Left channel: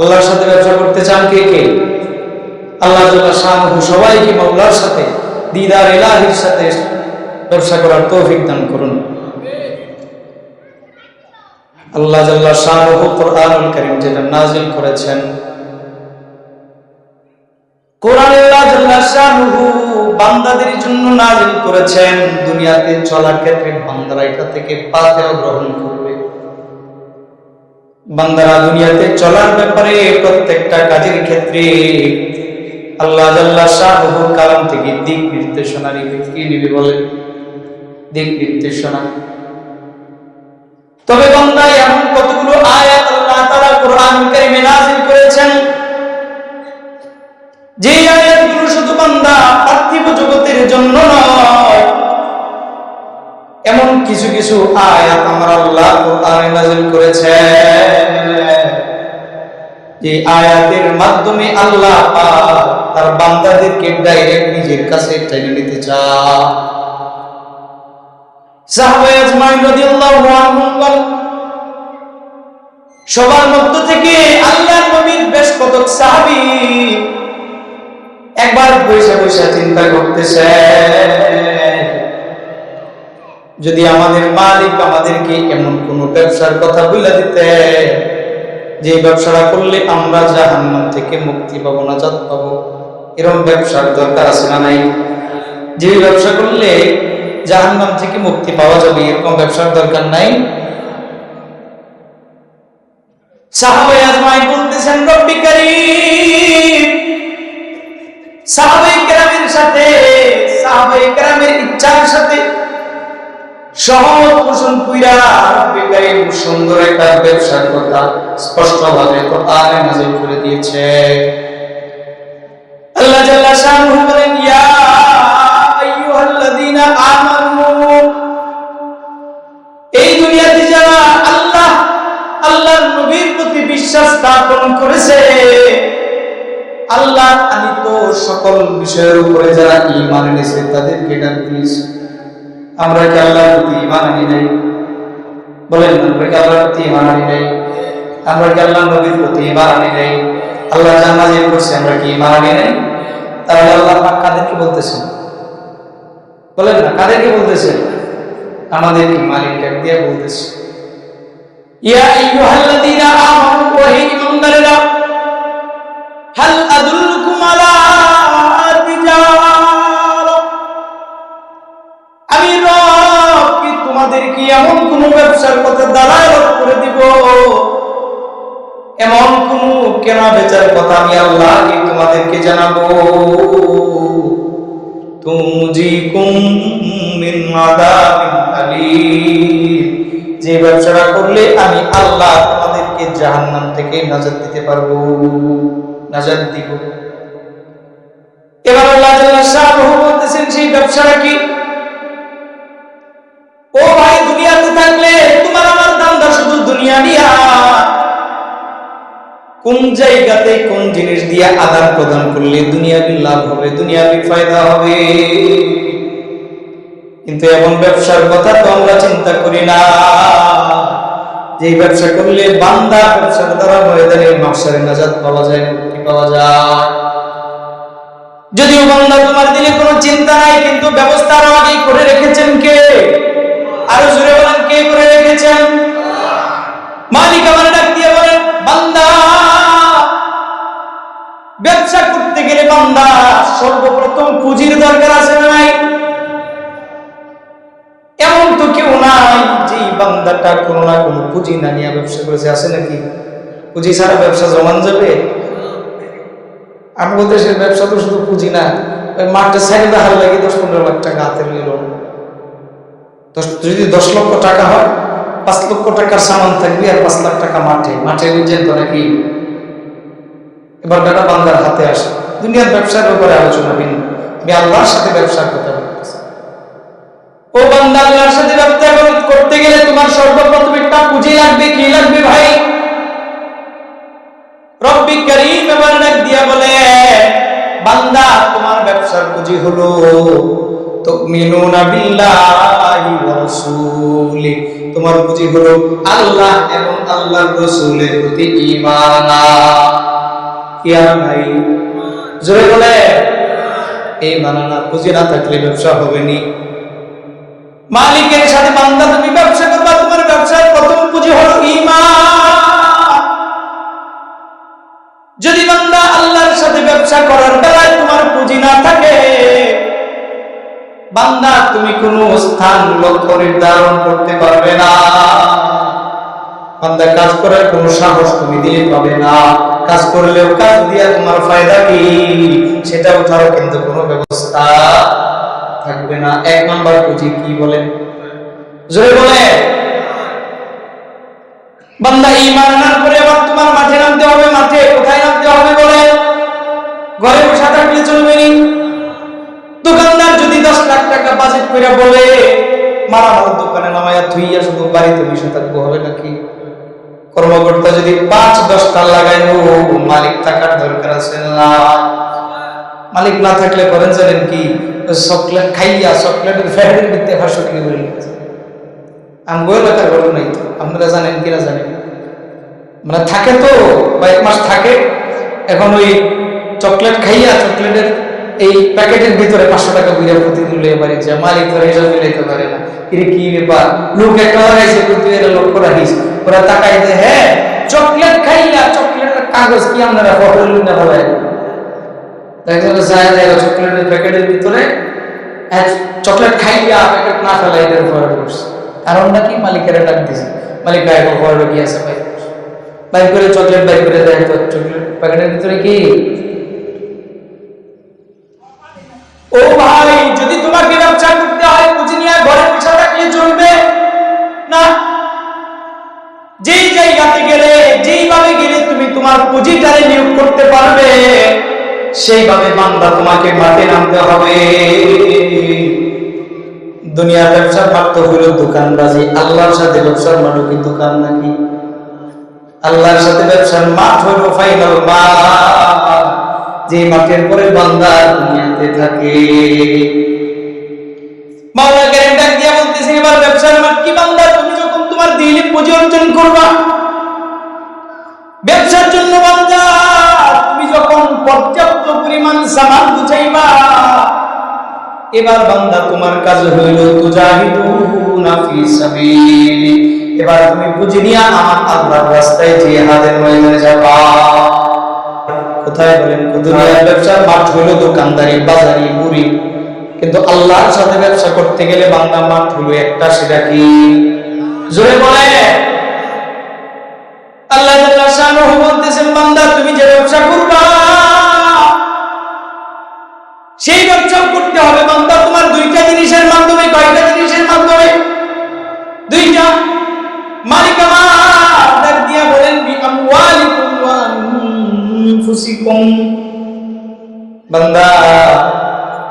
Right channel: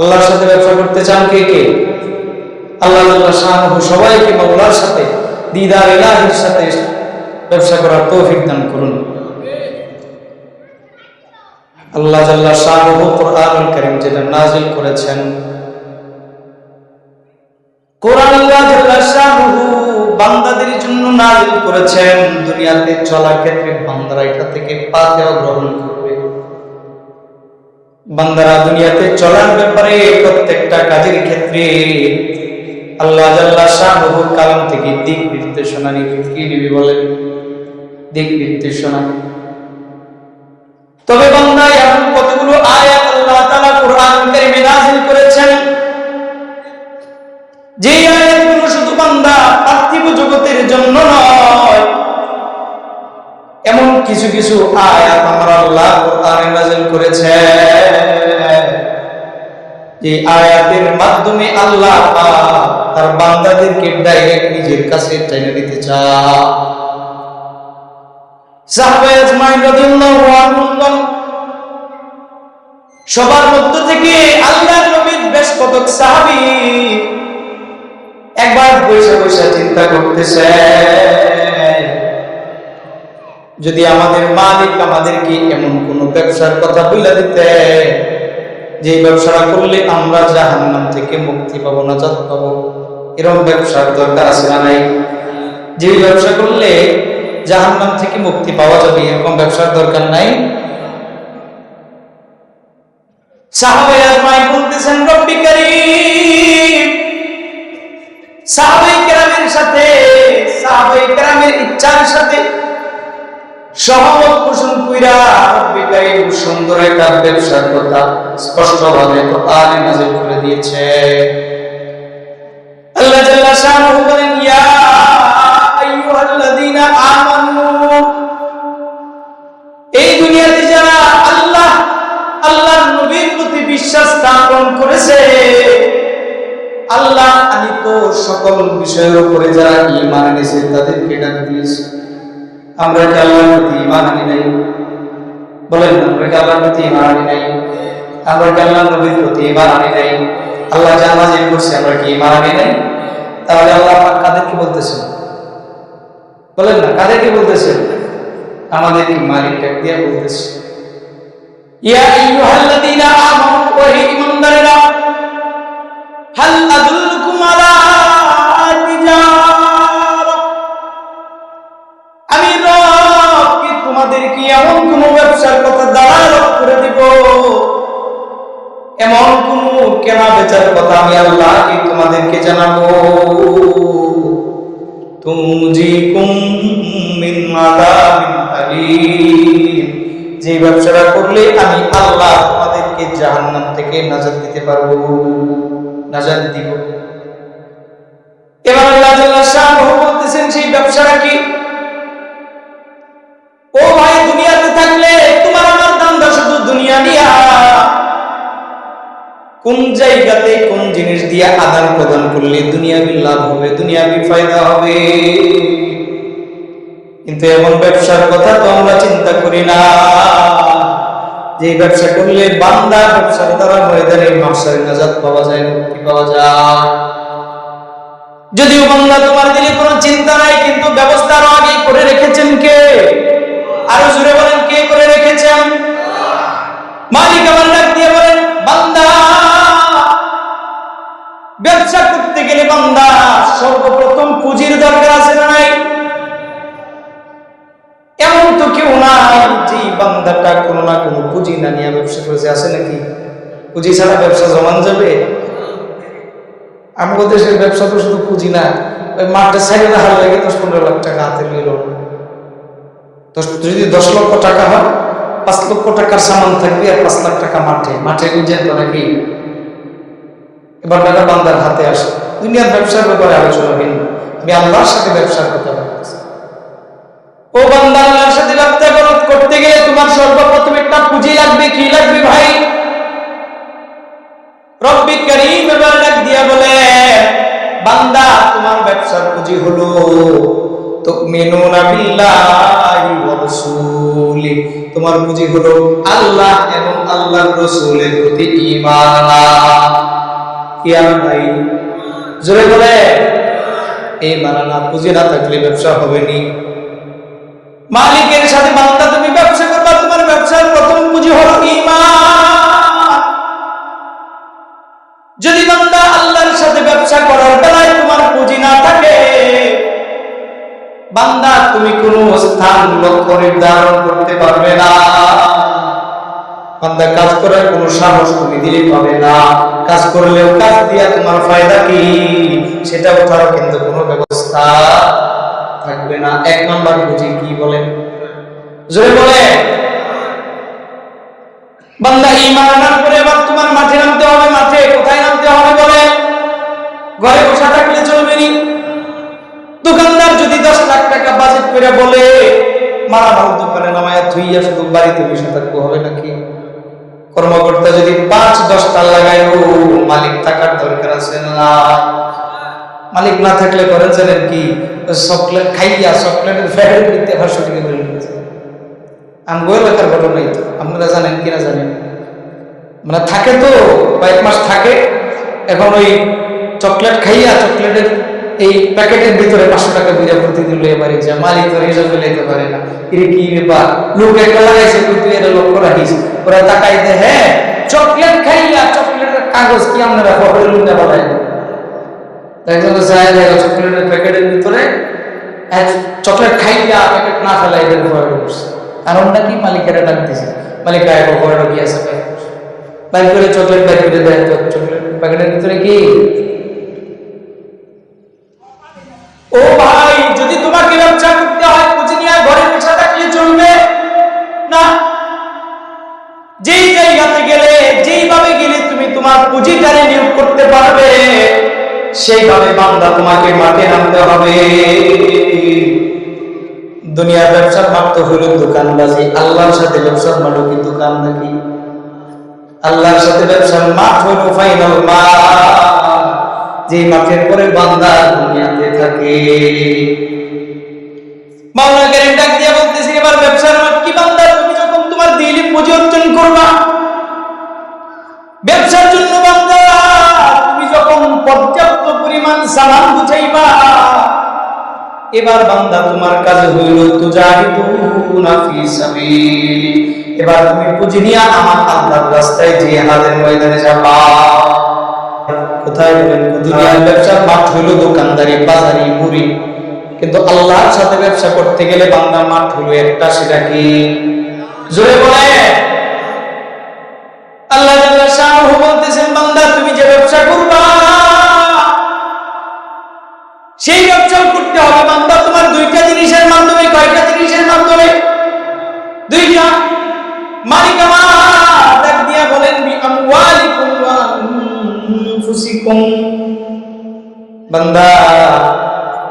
আল্লাহর সাথে ব্যবসা করতে চান কে কে? আল্লাহ জাল্লা শানুহু সবাইকে মাওলার সাথে দিদার ইলাহির সাথে ব্যবসা করার তৌফিক দান করুন। আল্লাহ জাল্লা শানুহু কুরআনুল কারীম যেটা নাযিল করেছেন, কোরআন আল্লাহ জাল্লা শানুহু বান্দাদের জন্য নাযিল করেছেন। দুনিয়াতে চলার ক্ষেত্রে বান্দারা এটা থেকে পাতেও গ্রহণ করবে। বান্দারা দুনিয়াতে চলার ব্যাপারে প্রত্যেকটা কাজের ক্ষেত্রে আল্লাহ জাল্লা শানুহুর কালাম থেকে দিক নির্দেশনা নিবে। কি নিবে বলেন? দিক নির্দেশনা। তবে বান্দা এমন কতগুলো আয়াত আল্লাহ তাআলা কোরআনুল কারীমে নাযিল করেছেন, যে আয়াতগুলো শুধু বান্দা পার্থিব জগতের জন্য নয়, এমন কিছু কিছু আয়াত আমার আল্লাহ কোরআনে নাযিল করেছেন, যে আয়াতের মাধ্যমে আল্লাহ পাক তার বান্দাদেরকে ডাইরেক্ট নিজের কাছে টেনে নিতে চায়। সাহাবায়ে আজমাইন রাদিয়াল্লাহু আনহুম সবার মধ্য থেকে আল্লাহর নবীর বেশ কতক সাহাবী একবার বসে বসে চিন্তা করতেছে, যদি আমাদের মালিক আমাদেরকে এমন কোন ব্যবসার কথা বলে দিতে, যে ব্যবসাটা করলে আমরা জাহান্নাম থেকে মুক্তি পাবো, নাজাত পাবো, এরকম ব্যবসার দরকার আছে না নাই? যে ব্যবসা করলে জাহান্নাম থেকে মুক্তি পাওয়া যাবে, এরকম ব্যবসার দরকার নাই? সাহাবায়ে আজমাইন বলতেছেন, রব্বি কারীম, সাহাবায়ে কেরামের সাথে, সাহাবায়ে কেরামের ইচ্ছার সাথে সহমত পোষণ কইরা রব্বি কারীম সুন্দর একটা ব্যবসার কথা স্পষ্টভাবে কোরআনে নাযিল করে দিয়েছে। আল্লাহ জাল্লা শানুহু বলেন, ইয়া আইয়ুহাল্লাযীনা আমানু, এই দুনিয়াতে যারা আল্লাহর নবীর প্রতি বিশ্বাস স্থাপন করেছে, আল্লাহ আনিত সকল বিষয়ের উপরে যারা ঈমান এনেছে, তাদেরকে ডাক দিয়েছে। আমরা কি আল্লাহর প্রতি ঈমান আনি নাই? বলেন, আমরা কি আল্লাহর প্রতি ঈমান আনি নাই? আমরা কি আল্লাহর নবীর প্রতি ঈমান আনি নাই? আল্লাহ যা নাযিল করছে আমরা কি ঈমান আনি নাই? তাহলে আল্লাহ পাক কাদেরকে বলতেছেন? বলেন না, কাদেরকে বলতেছেন? আমাদেরকে মালিক ডাক দিয়ে বলতেছে, ইয়া আইয়ুহাল্লাযীনা আমানু, ওহে ঈমানদারেরা, হাল আদুল্লুকুম আলা তিজারা, আমি রব কি তোমাদেরকে এমন কোন ব্যবসার কথা দালালত করে দিব, এমন কোন কেনা বেচার কথা আমি আল্লাহ কি তোমাদেরকে জানাবো, তুনজিকুম মিন আযাবিন আলীম, যে ব্যবসাটা করলে আমি আল্লাহ তোমাদেরকে জাহান্নাম থেকে নাজাত দিতে পারবো, নাজাত দিব। এবার আল্লাহ জাল্লা শানুহু বলতেছেন, সেই ব্যবসাটা কি? ও ভাই, দুনিয়াতে থাকলে তোমার আমার দান্দা শুধু দুনিয়া নিয়া, কোন জায়গাতে কোন জিনিস দিয়ে আদান প্রদান করলে দুনিয়াবি লাভ হবে, দুনিয়াবি ফায়দা হবে, কিন্তু এমন ব্যবসার কথা তো আমরা চিন্তা করি না, যে ব্যবসা করলে বান্দা ব্যবসার দ্বারা ময়দানে মাহশারে নাজাত পাওয়া যায়, মুক্তি পাওয়া যায়। যদিও বান্দা তোমার দিলে কোনো চিন্তা নাই, কিন্তু ব্যবস্থা আরো আগে করে রেখেছেন কে? আরো জোরে বলেন, কে করে রেখেছেন? মালিক আমার ডাক দিয়ে বলেন, বান্দা ব্যবসা করতে গেলে বান্দা সর্বপ্রথম পুঁজির দরকার আছে না নাই? এমন তো কেউ নাই যে বান্দাটা কোনো না কোনো পুঁজি না নিয়ে ব্যবসা করেছে, আছে নাকি? পুঁজি ছাড়া ব্যবসা জমান যাবে? আমাদের দেশের ব্যবসা তো শুধু পুঁজি না, ওই মাঠটা ছাড়িয়ে দেখার লাগে 10-15 লাখ টাকা হাতে লইল। যদি 10 লক্ষ টাকা হয়, 5 লক্ষ টাকার সামান থাকবে আর 5 লাখ টাকা মাঠে, মাঠে বুঝছেন তো নাকি? এবার টাকা বান্দার হাতে আসে। দুনিয়ার ব্যবসার ব্যাপারে আলোচনা ভিন্ন, আমি আল্লাহর সাথে ব্যবসার কথা বলতেছি। ও বান্দা, আল্লাহর সাথে ব্যবসা করতে গেলে তোমার সর্বপ্রথম একটা পুঁজি লাগবে। কি লাগবে ভাই? রব্বি কারীম এবার ডাক দিয়া বলে, বান্দা তোমার ব্যবসার পুঁজি হলো তুমিনুনা বিল্লাহি ওয়া রাসূলি, তোমার পুঁজি হলো আল্লাহ এবং আল্লাহর রাসূলের প্রতি ঈমান আনা। কি আর নাই? জোরে বলে ঈমান আনা। পুঁজি না থাকলে ব্যবসা হবে নি। মালিকের সাথে বান্দা তুমি ব্যবসা করবা, তোমার ব্যবসার প্রথম পুঁজি হলো ঈমান। যদি বান্দা আল্লাহর সাথে ব্যবসা করার বেলায় তোমার পুঁজি না থাকে, বান্দা তুমি কোনো স্থান লক্ষ্য নির্ধারণ করতে পারবে না। বান্দা কাজ করার কোনো সাহস তুমি দিলে পাবে না। কাজ করলেও কাজ দিয়া তোমার ফায়দা কি, সেটা ওঠারও কিন্তু কোনো ব্যবস্থা থাকবে না। এক নাম্বার পুঁজি কি বলেন? জোরে বলে। বান্দা ঈমান আনার পরে আবার তোমার মাঠে নামতে হবে। মাঠে কোথায় নামতে হবে বলে? ঘরে বসে থাকলে চলবে নি। দোকানদার যদি 10 লাখ টাকা বাজেট করে বলে মালামাল দোকানে নামায়া থুইয়া শুধু বাড়িতে বসে থাকবো, হবে নাকি? কর্মকর্তা যদি 5-10 টাকা লাগায়, ও মালিক টাকার দরকার আছে না? মালিক না থাকলে করেন জানেন কি? চকলেট খাইয়া চকলেটের ফ্যাক্টরি দিতে 500 টাকা বেড়ে গেছে। আমগো এলাকার ঘটনাই তো, আপনারা জানেন কিনা জানেন। মানে থাকে তো, কয়েক মাস থাকে, এখন ওই চকলেট খাইয়া চকলেটের এই প্যাকেটের ভিতরে 500 টাকা বুঝা প্রতিদিন লইয়া বাড়ি যায়। মালিক ধরে হিসাব মিলাইতে পারে না। কি ব্যাপার, লোক একটা লাগাইছে, তুই এটা লক্ষ্য রাখিস। ওরা তাকাই দে, হ্যাঁ চকলেট খাইয়া চকলেটের কাগজ কি আপনারা ফটো লুনা ফেলাই চকলেটের প্যাকেটের ভিতরে চকলেট খাইয়া প্যাকেট না ফেলাই এদের ফটো করছে। কারণটা কি? মালিকেরা ডাক দিছে। মালিক ফটো কি আছে বাইর করে চকলেট বাইর করে দেয়। তো চকলেট প্যাকেটের ভিতরে কি? ও ভাই, যদি তোমাকে ব্যবসা করতে হয় পুঁজি নিয়ে ঘরে বসে থাকলে চলবে না। যেই জায়গাতে গেলে, যেইভাবে গেলে তুমি তোমার পুঁজিটারে নিয়োগ করতে পারবে, সেইভাবে বান্দা তোমাকে মাঠে নামতে হবে। দুনিয়ার ব্যবসার মাঠ তো হইল দোকানবাজি। আল্লাহর সাথে ব্যবসার মাঠও কি দোকান নাকি? আল্লাহর সাথে ব্যবসার মাঠ হইল ফাইনাল মাঠ, যে মাঠের পরে বান্দা দুনিয়াতে থাকে। মাওলা কারীম ডাক দিয়া বলতেছে, এবার ব্যবসার মাঠ কি বান্দা? তুমি যখন তোমার দিলি পুঁজি অর্জন করবা ব্যবসার জন্য, বান্দা তুমি যখন পর্যাপ্ত পরিমাণ সামান গুছাইবা, এবার বান্দা তোমার কাজ হইল তুজাহিদুনা ফি সাবিলি। এবার তুমি পুঁজি নিয়ে আমার আল্লাহর রাস্তায় জিহাদের ময়দানে যাবা। কোথায় বলেন? দুনিয়ার ব্যবসার মাঠ হইল দোকানদারি, বাজারি, মুড়ি। কিন্তু আল্লাহর সাথে ব্যবসা করতে গেলে বান্দা মাঠ হইল একটা, সেটা কি? জোরে বলে। আল্লাহ জাল্লা শানুহু বলতেছেন, বান্দা তুমি যে ব্যবসা করবা সেই ব্যবসাও করতে হবে বান্দা তোমার দুইটা জিনিসের মাধ্যমে। কয়টা জিনিসের মাধ্যমে? দুইটা। মালিক আমার ডাক দিয়া বলেন, বি আমওয়ালিকুম ওয়া আনফুসিকুম। বান্দা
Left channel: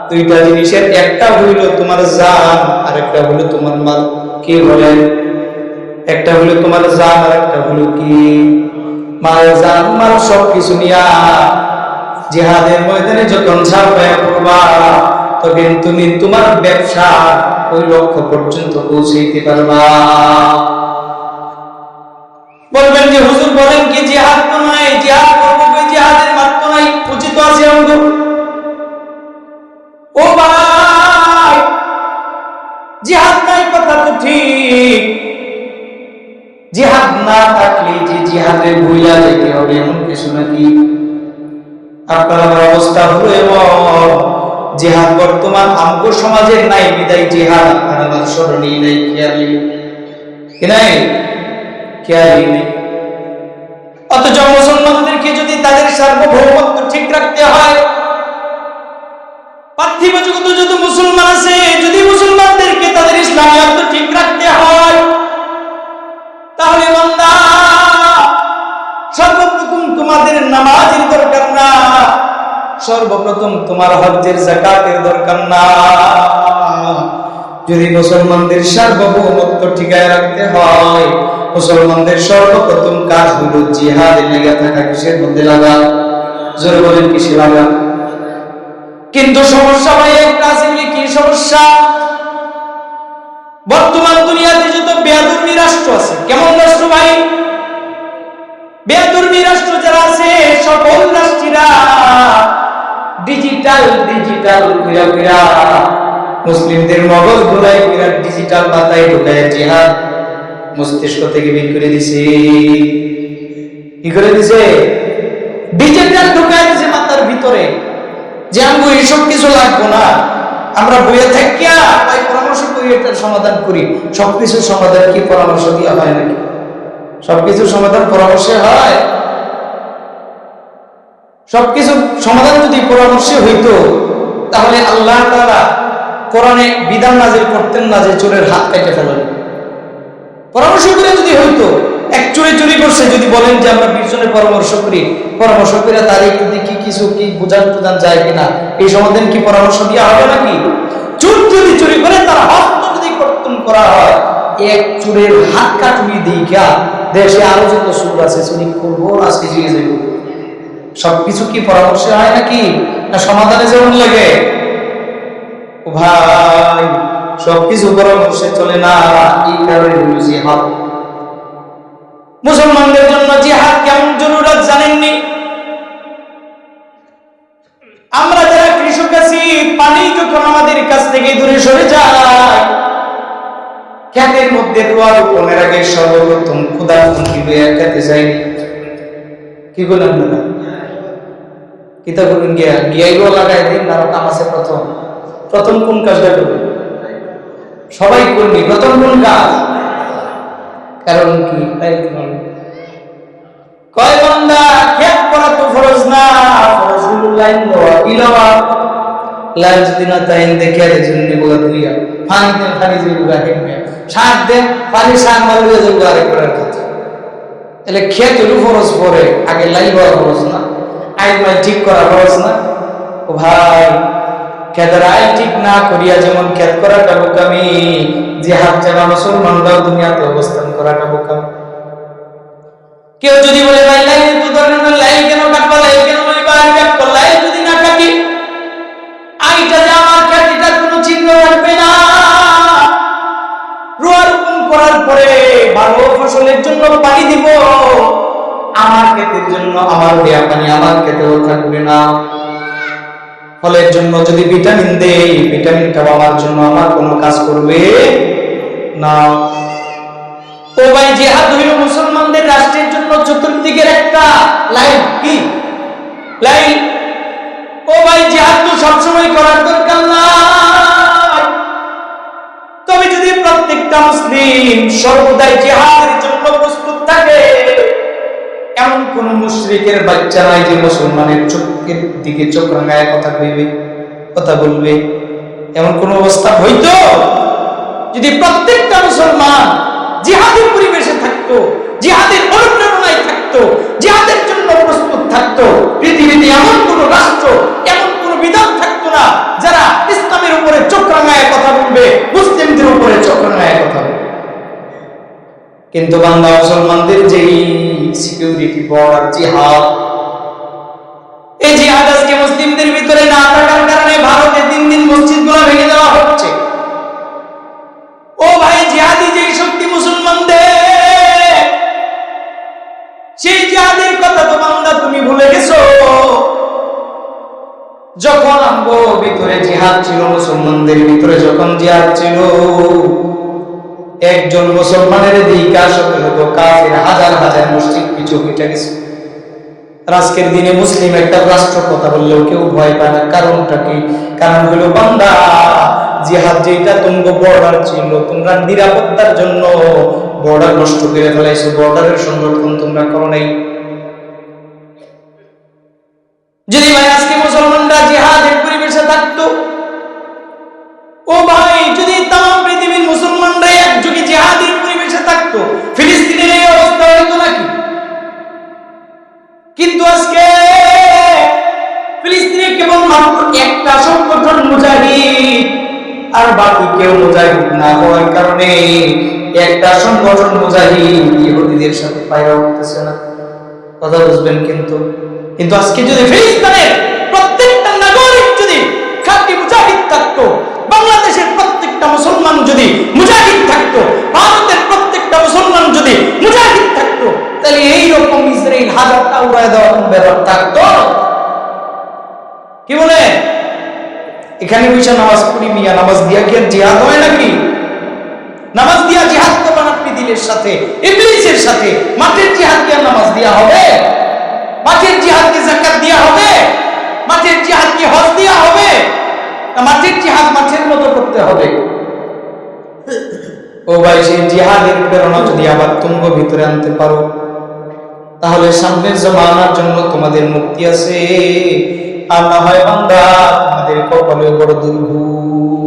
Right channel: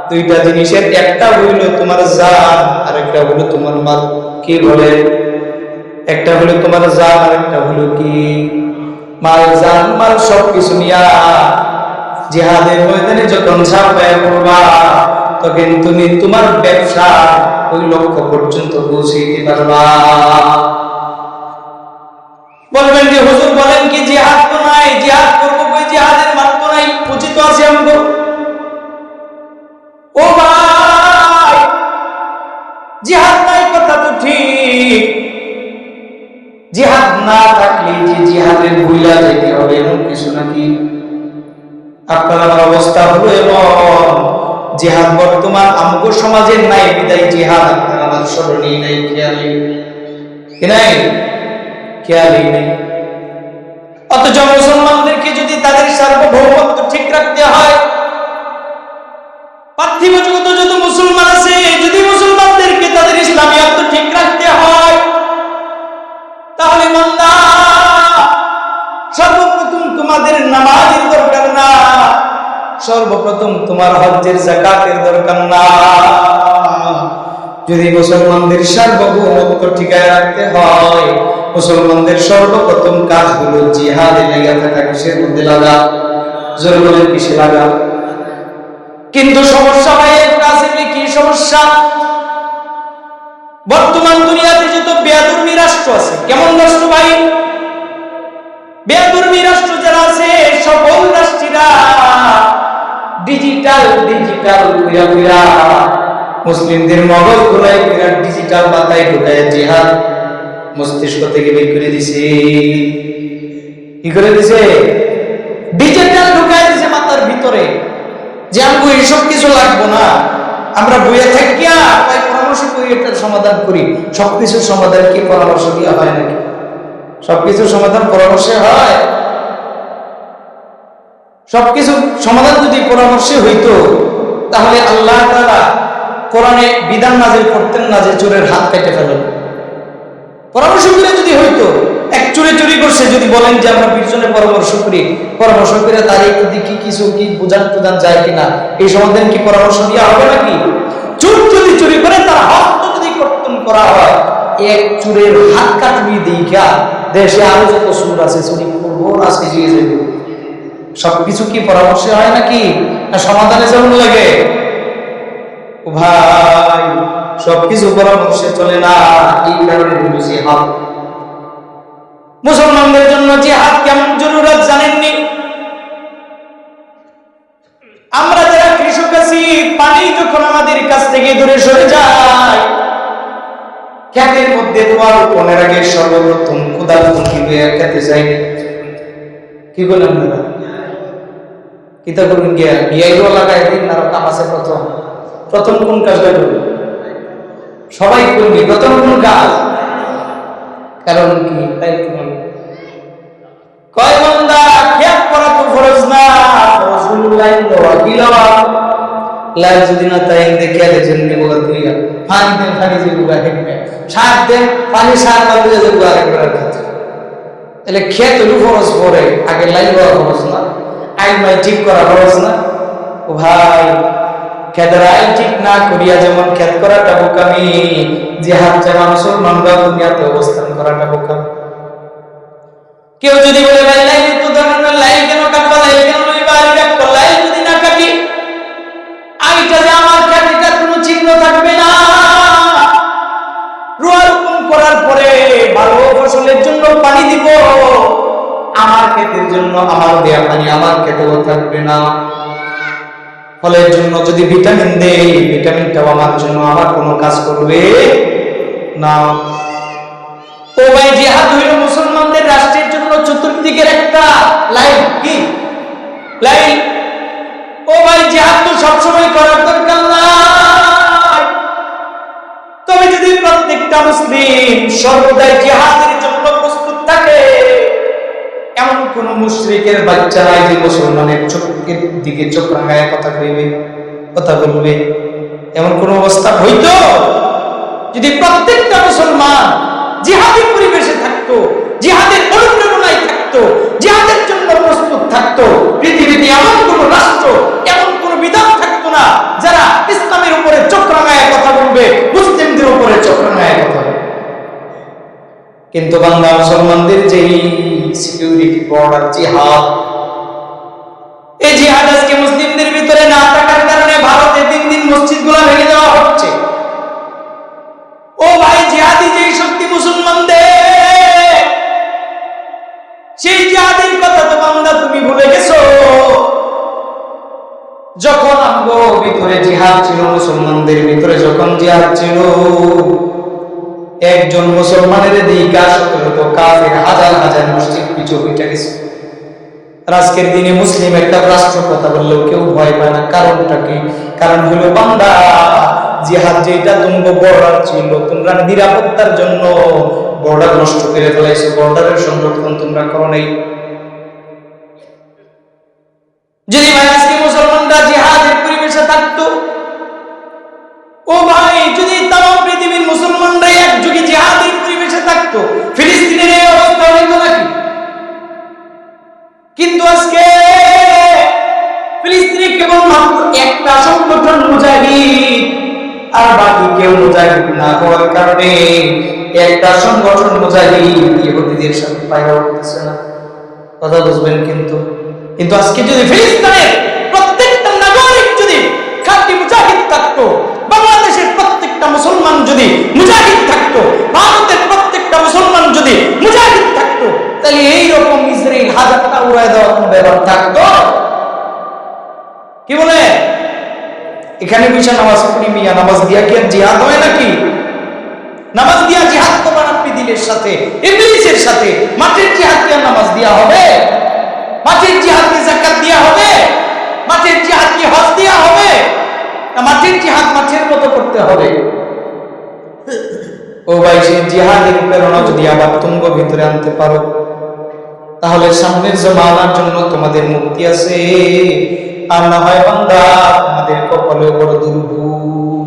দুইটা জিনিসের একটা হইল তোমার জান, আর একটা হইল তোমার মাল। কি বলে? একটা হইল তোমার জান, আর একটা হইল কি? মাল। জান মাল সবকিছু নিয়া জিহাদের ময়দানে যখন ঝাঁপায়া পড়বা, তখন তুমি তোমার ব্যবসা ওই লক্ষ্য পর্যন্ত পৌঁছাইতে পারবা। বলবেন যে হুজুর বলেন কি জিহাদ তো নাই, জিহাদ করবো কই? জিহাদের মাঠ তো নাই, পুঁজি তো আছে আমগো। ও ভাই, জিহাদ নাই কথা তো ঠিক। জিহাদ না থাকলে যে জিহাদে ভুইলা যাইতে হবে এমন কিছু নাকি? আপনার আমার অবস্থা হলো এমন, জিহাদ বর্তমান আমগো সমাজের নাই বিদায় জিহাদ আপনার আমার স্মরণই নাই, খেয়ালি নাই, খেয়ালি নেই। অথচ মুসলমানদেরকে যদি তাদের সার্বভৌমত্ব ঠিক রাখতে হয়, পার্থিব জগতে যত মুসলমান আছে, যদি মুসলমানদেরকে তাদের ইসলামিয়ত ঠিক রাখতে হয়, তাহলে বান্দা সর্বপ্রথম তোমাদের নামাজের দরকার না, সর্বপ্রথম তোমার হজ্জের যাকাতের দরকার না। যদি মুসলমানদের সার্বভৌমত্ব ঠিকায় রাখতে হয়, মুসলমানদের সর্বপ্রথম কাজ হলো জিহাদে লেগে থাকা। কিসের মধ্যে লাগা? জোরে বলেন, কিসে লাগা? কিন্তু সমস্যা ভাই একটা আছে, কি সমস্যা? বর্তমান দুনিয়াতে যত বেয়াদুর্মী রাষ্ট্র আছে, কেমন রাষ্ট্র ভাই? বেয়াদুর্মী রাষ্ট্র যারা আছে, সকল রাষ্ট্রীরা ডিজিটাল কইরা মুসলিমদের মগজ গুলাই কইরা ডিজিটাল বাতায় ঢুকায় জিহাদ মস্তিষ্ক থেকে বের করে দিছে। কি করে দিছে? ডিজিটাল ঢুকায় দিছে মাথার ভিতরে, যে আমগো এসব কিছু লাগবো না, আমরা বইয়ে থাকিয়া কয় পরামর্শ করি, এটার সমাধান করি। সবকিছুর সমাধান কি পরামর্শ দেওয়া হয় নাকি? সবকিছুর সমাধান পরামর্শে হয়? সবকিছু সমাধান যদি পরামর্শে হইতো, তাহলে আল্লাহ তাআলা কোরআনে বিধান নাজিল করতেন না যে চোরের হাত কেটে ফেলেন। পরামর্শ করে যদি হইতো, এক চোরে চুরি করছে, যদি বলেন যে আমরা 20 জনে পরামর্শ করে তার একটু দেখি কিছু কি বোঝান যায় কিনা, এই সমাধান কি পরামর্শ দেওয়া হবে নাকি? চোর যদি চুরি করে, তার হস্ত যদি কর্তন করা হয়, এক চোরের হাত কাটবি দেখা দেশে আরো যত চোর আছে চুরি করবো, আজকে জিয়ে যাইব। সবকিছু কি পরামর্শে হয় নাকি? না সমাধানে যেমন লাগে? ও ভাই, সবকিছু পরামর্শে চলে না। এই কারণে হলো জিহাদ। মুসলমানদের জন্য জিহাদ কেমন জরুরত জানেননি? আমরা যারা কৃষক আছি, পানি যখন আমাদের কাছ থেকে দূরে সরে যায়, ক্ষেতের মধ্যে দোয়া রোপণের আগে সর্বপ্রথম খোদার ফোনটি খেতে যায়নি। কি বলেন আপনারা? কিতা করুন গিয়াইরও লাগাই দিন, আরো কাম আছে। প্রথম কোন কাজটা করবে? সবাই করবি প্রথম কোন কাজ? কারণ কি? কয় বান্দা খেয়াল করা তো ফরজ না, ফরজ হলো লাইন দেওয়া, দিলাওয়া। লাইন যদি না তাই দেখিয়া দেখছেন নেবগা দুইয়া পানি দেন, পানি যে বুগা হেঁটবে, সার দেন, পানি সার মারুয়া যে বুগা আরেকবার খাতে। তাহলে খেত হলো ফরজ, পরে আগে লাইন দেওয়া ফরজ না? আইল মাইল ঠিক করা ফরজ না? ও ভাই, খেতের আইল ঠিক না করিয়া যেমন খেত করাটা বোকামি, জিহাদ যারা মুসলমানরা দুনিয়াতে অবস্থান করাটা বোকামি। কেউ যদি বলে ভাই লাইল তো দরকার নেই, লাইল কেন কাটবা, লাইল কেন লইবা, লাইল যদি না কাটি আইটা যে আমার খ্যাতিটার কোনো চিহ্ন থাকবে না। রোয়া রোপণ করার পরে ভালো ফসলের জন্য পানি দিব, আমার ক্ষেতের জন্য আমার দেয়া পানি আমার ক্ষেতেও থাকবে না। ফলের জন্য যদি ভিটামিন দেই, ভিটামিনটাও আমার জন্য আমার কোনো কাজ করবে না। ও ভাই, জিহাদ হইল মুসলমানদের রাষ্ট্রের জন্য চতুর্দিকের একটা লাইন। কি লাইন? ও ভাই, জিহাদ তো সবসময় করার দরকার নাই, তবে যদি প্রত্যেকটা মুসলিম সর্বদাই জিহাদের জন্য প্রস্তুত থাকে, এমন কোন মুশরিকের বাচ্চা নাই যে মুসলমানের চোখের দিকে চোখ রাঙায় কথা বলবে। এমন কোন অবস্থা হইতো যদি প্রত্যেকটা মুসলমান জিহাদের পরিবেশে থাকতো, জিহাদের অনুপ্রেরণায় থাকতো, জিহাদের জন্য প্রস্তুত থাকতো, পৃথিবীতে এমন কোন রাষ্ট্র, এমন কোন বিধান থাকতো না যারা ইসলামের উপরে চোখ রাঙায় কথা বলবে, মুসলিমদের উপরে চোখ রাঙায় কথা বলবে। কিন্তু বাংলা মুসলমানদের যেই সিকিউরিটি বর্ডার জিহাদ, এই জিহাদ আজকে মুসলিমদের ভিতরে না থাকার কারণে ভারতে দিন দিন মসজিদগুলো ভেঙে দেওয়া হচ্ছে। ও ভাই, জিহাদি যেই শক্তি মুসলমানদের, সেই জিহাদের কথা তো বান্দা তুমি ভুলে গেছো। যখন আমগো ভিতরে জিহাদ ছিল, মুসলমানদের ভিতরে যখন জিহাদ ছিল, একজন মুসলমানের দিকে শত শত কাফের হাজার হাজার মসজিদ পিছু হইটা গেছে। আজকের দিনে মুসলিম একটা রাষ্ট্র কথা বললেও কেউ ভয় পায় না। কারণটা কি? কারণ হলো বান্দা, জিহাদ যেটা তোমরা বর্ডার ছিল, তোমরা নিরাপত্তার জন্য বর্ডার নষ্ট করে ফেলাইছো, বর্ডারের সংরক্ষণ তোমরা করো নাই। যদি ভাই আজকে মুসলমানরা জিহাদের পরিবেশে থাকতো, ও ভাই, যদি তাম পৃথিবীর মুসলমানরা একযোগে জিহাদের পরিবেশে থাকতো, ফিলিস্তিনের এই অবস্থা হইতো নাকি? কিন্তু আজকে ফিলিস্তিনে কেবল মাত্র একটা সংগঠন মুজাহিদ, আর বাকি কেউ মুজাহিদ না হওয়ার কারণে একটা সংগঠন মুজাহিদ ইহুদিদের সাথে পায়রা উঠতেছে না। কথা বুঝবেন? কিন্তু আজকে যদি ফিলিস্তিনের প্রত্যেকটা নাগরিক যদি মুসলমান যদি মুজাহিদ থাকতো, ভারতের প্রত্যেকটা মুসলমান যদি মুজাহিদ থাকতো, তাহলে এইরকম ইসরায়েল হাজারটা উড়ায় দেওয়ার কোনো ব্যাপার থাকতো? কি বলে? এখানে বসে নামাজ পড়ি মিয়া, নামাজ দিয়া কি আর জিহাদ হয় নাকি? নামাজ দিয়া জিহাদ করবেন আপনি দিলের সাথে, ইবলিসের সাথে। মাঠের জিহাদ কি আর নামাজ দিয়া হবে? মাঠের জিহাদ কি যাকাত দিয়া হবে? মাঠের জিহাদ কি হজ দিয়া হবে? না মাঠের জিহাদ মাঠের মতো করতে হবে? ও ভাই, সেই জিহাদের প্রেরণা যদি আবার তুঙ্গ ভিতরে আনতে পারো, তাহলে সামনের জমানার জন্য তোমাদের মুক্তি আছে। আর না হয় বান্দা, তোমাদের কপালে বড় দুর্ভোগ।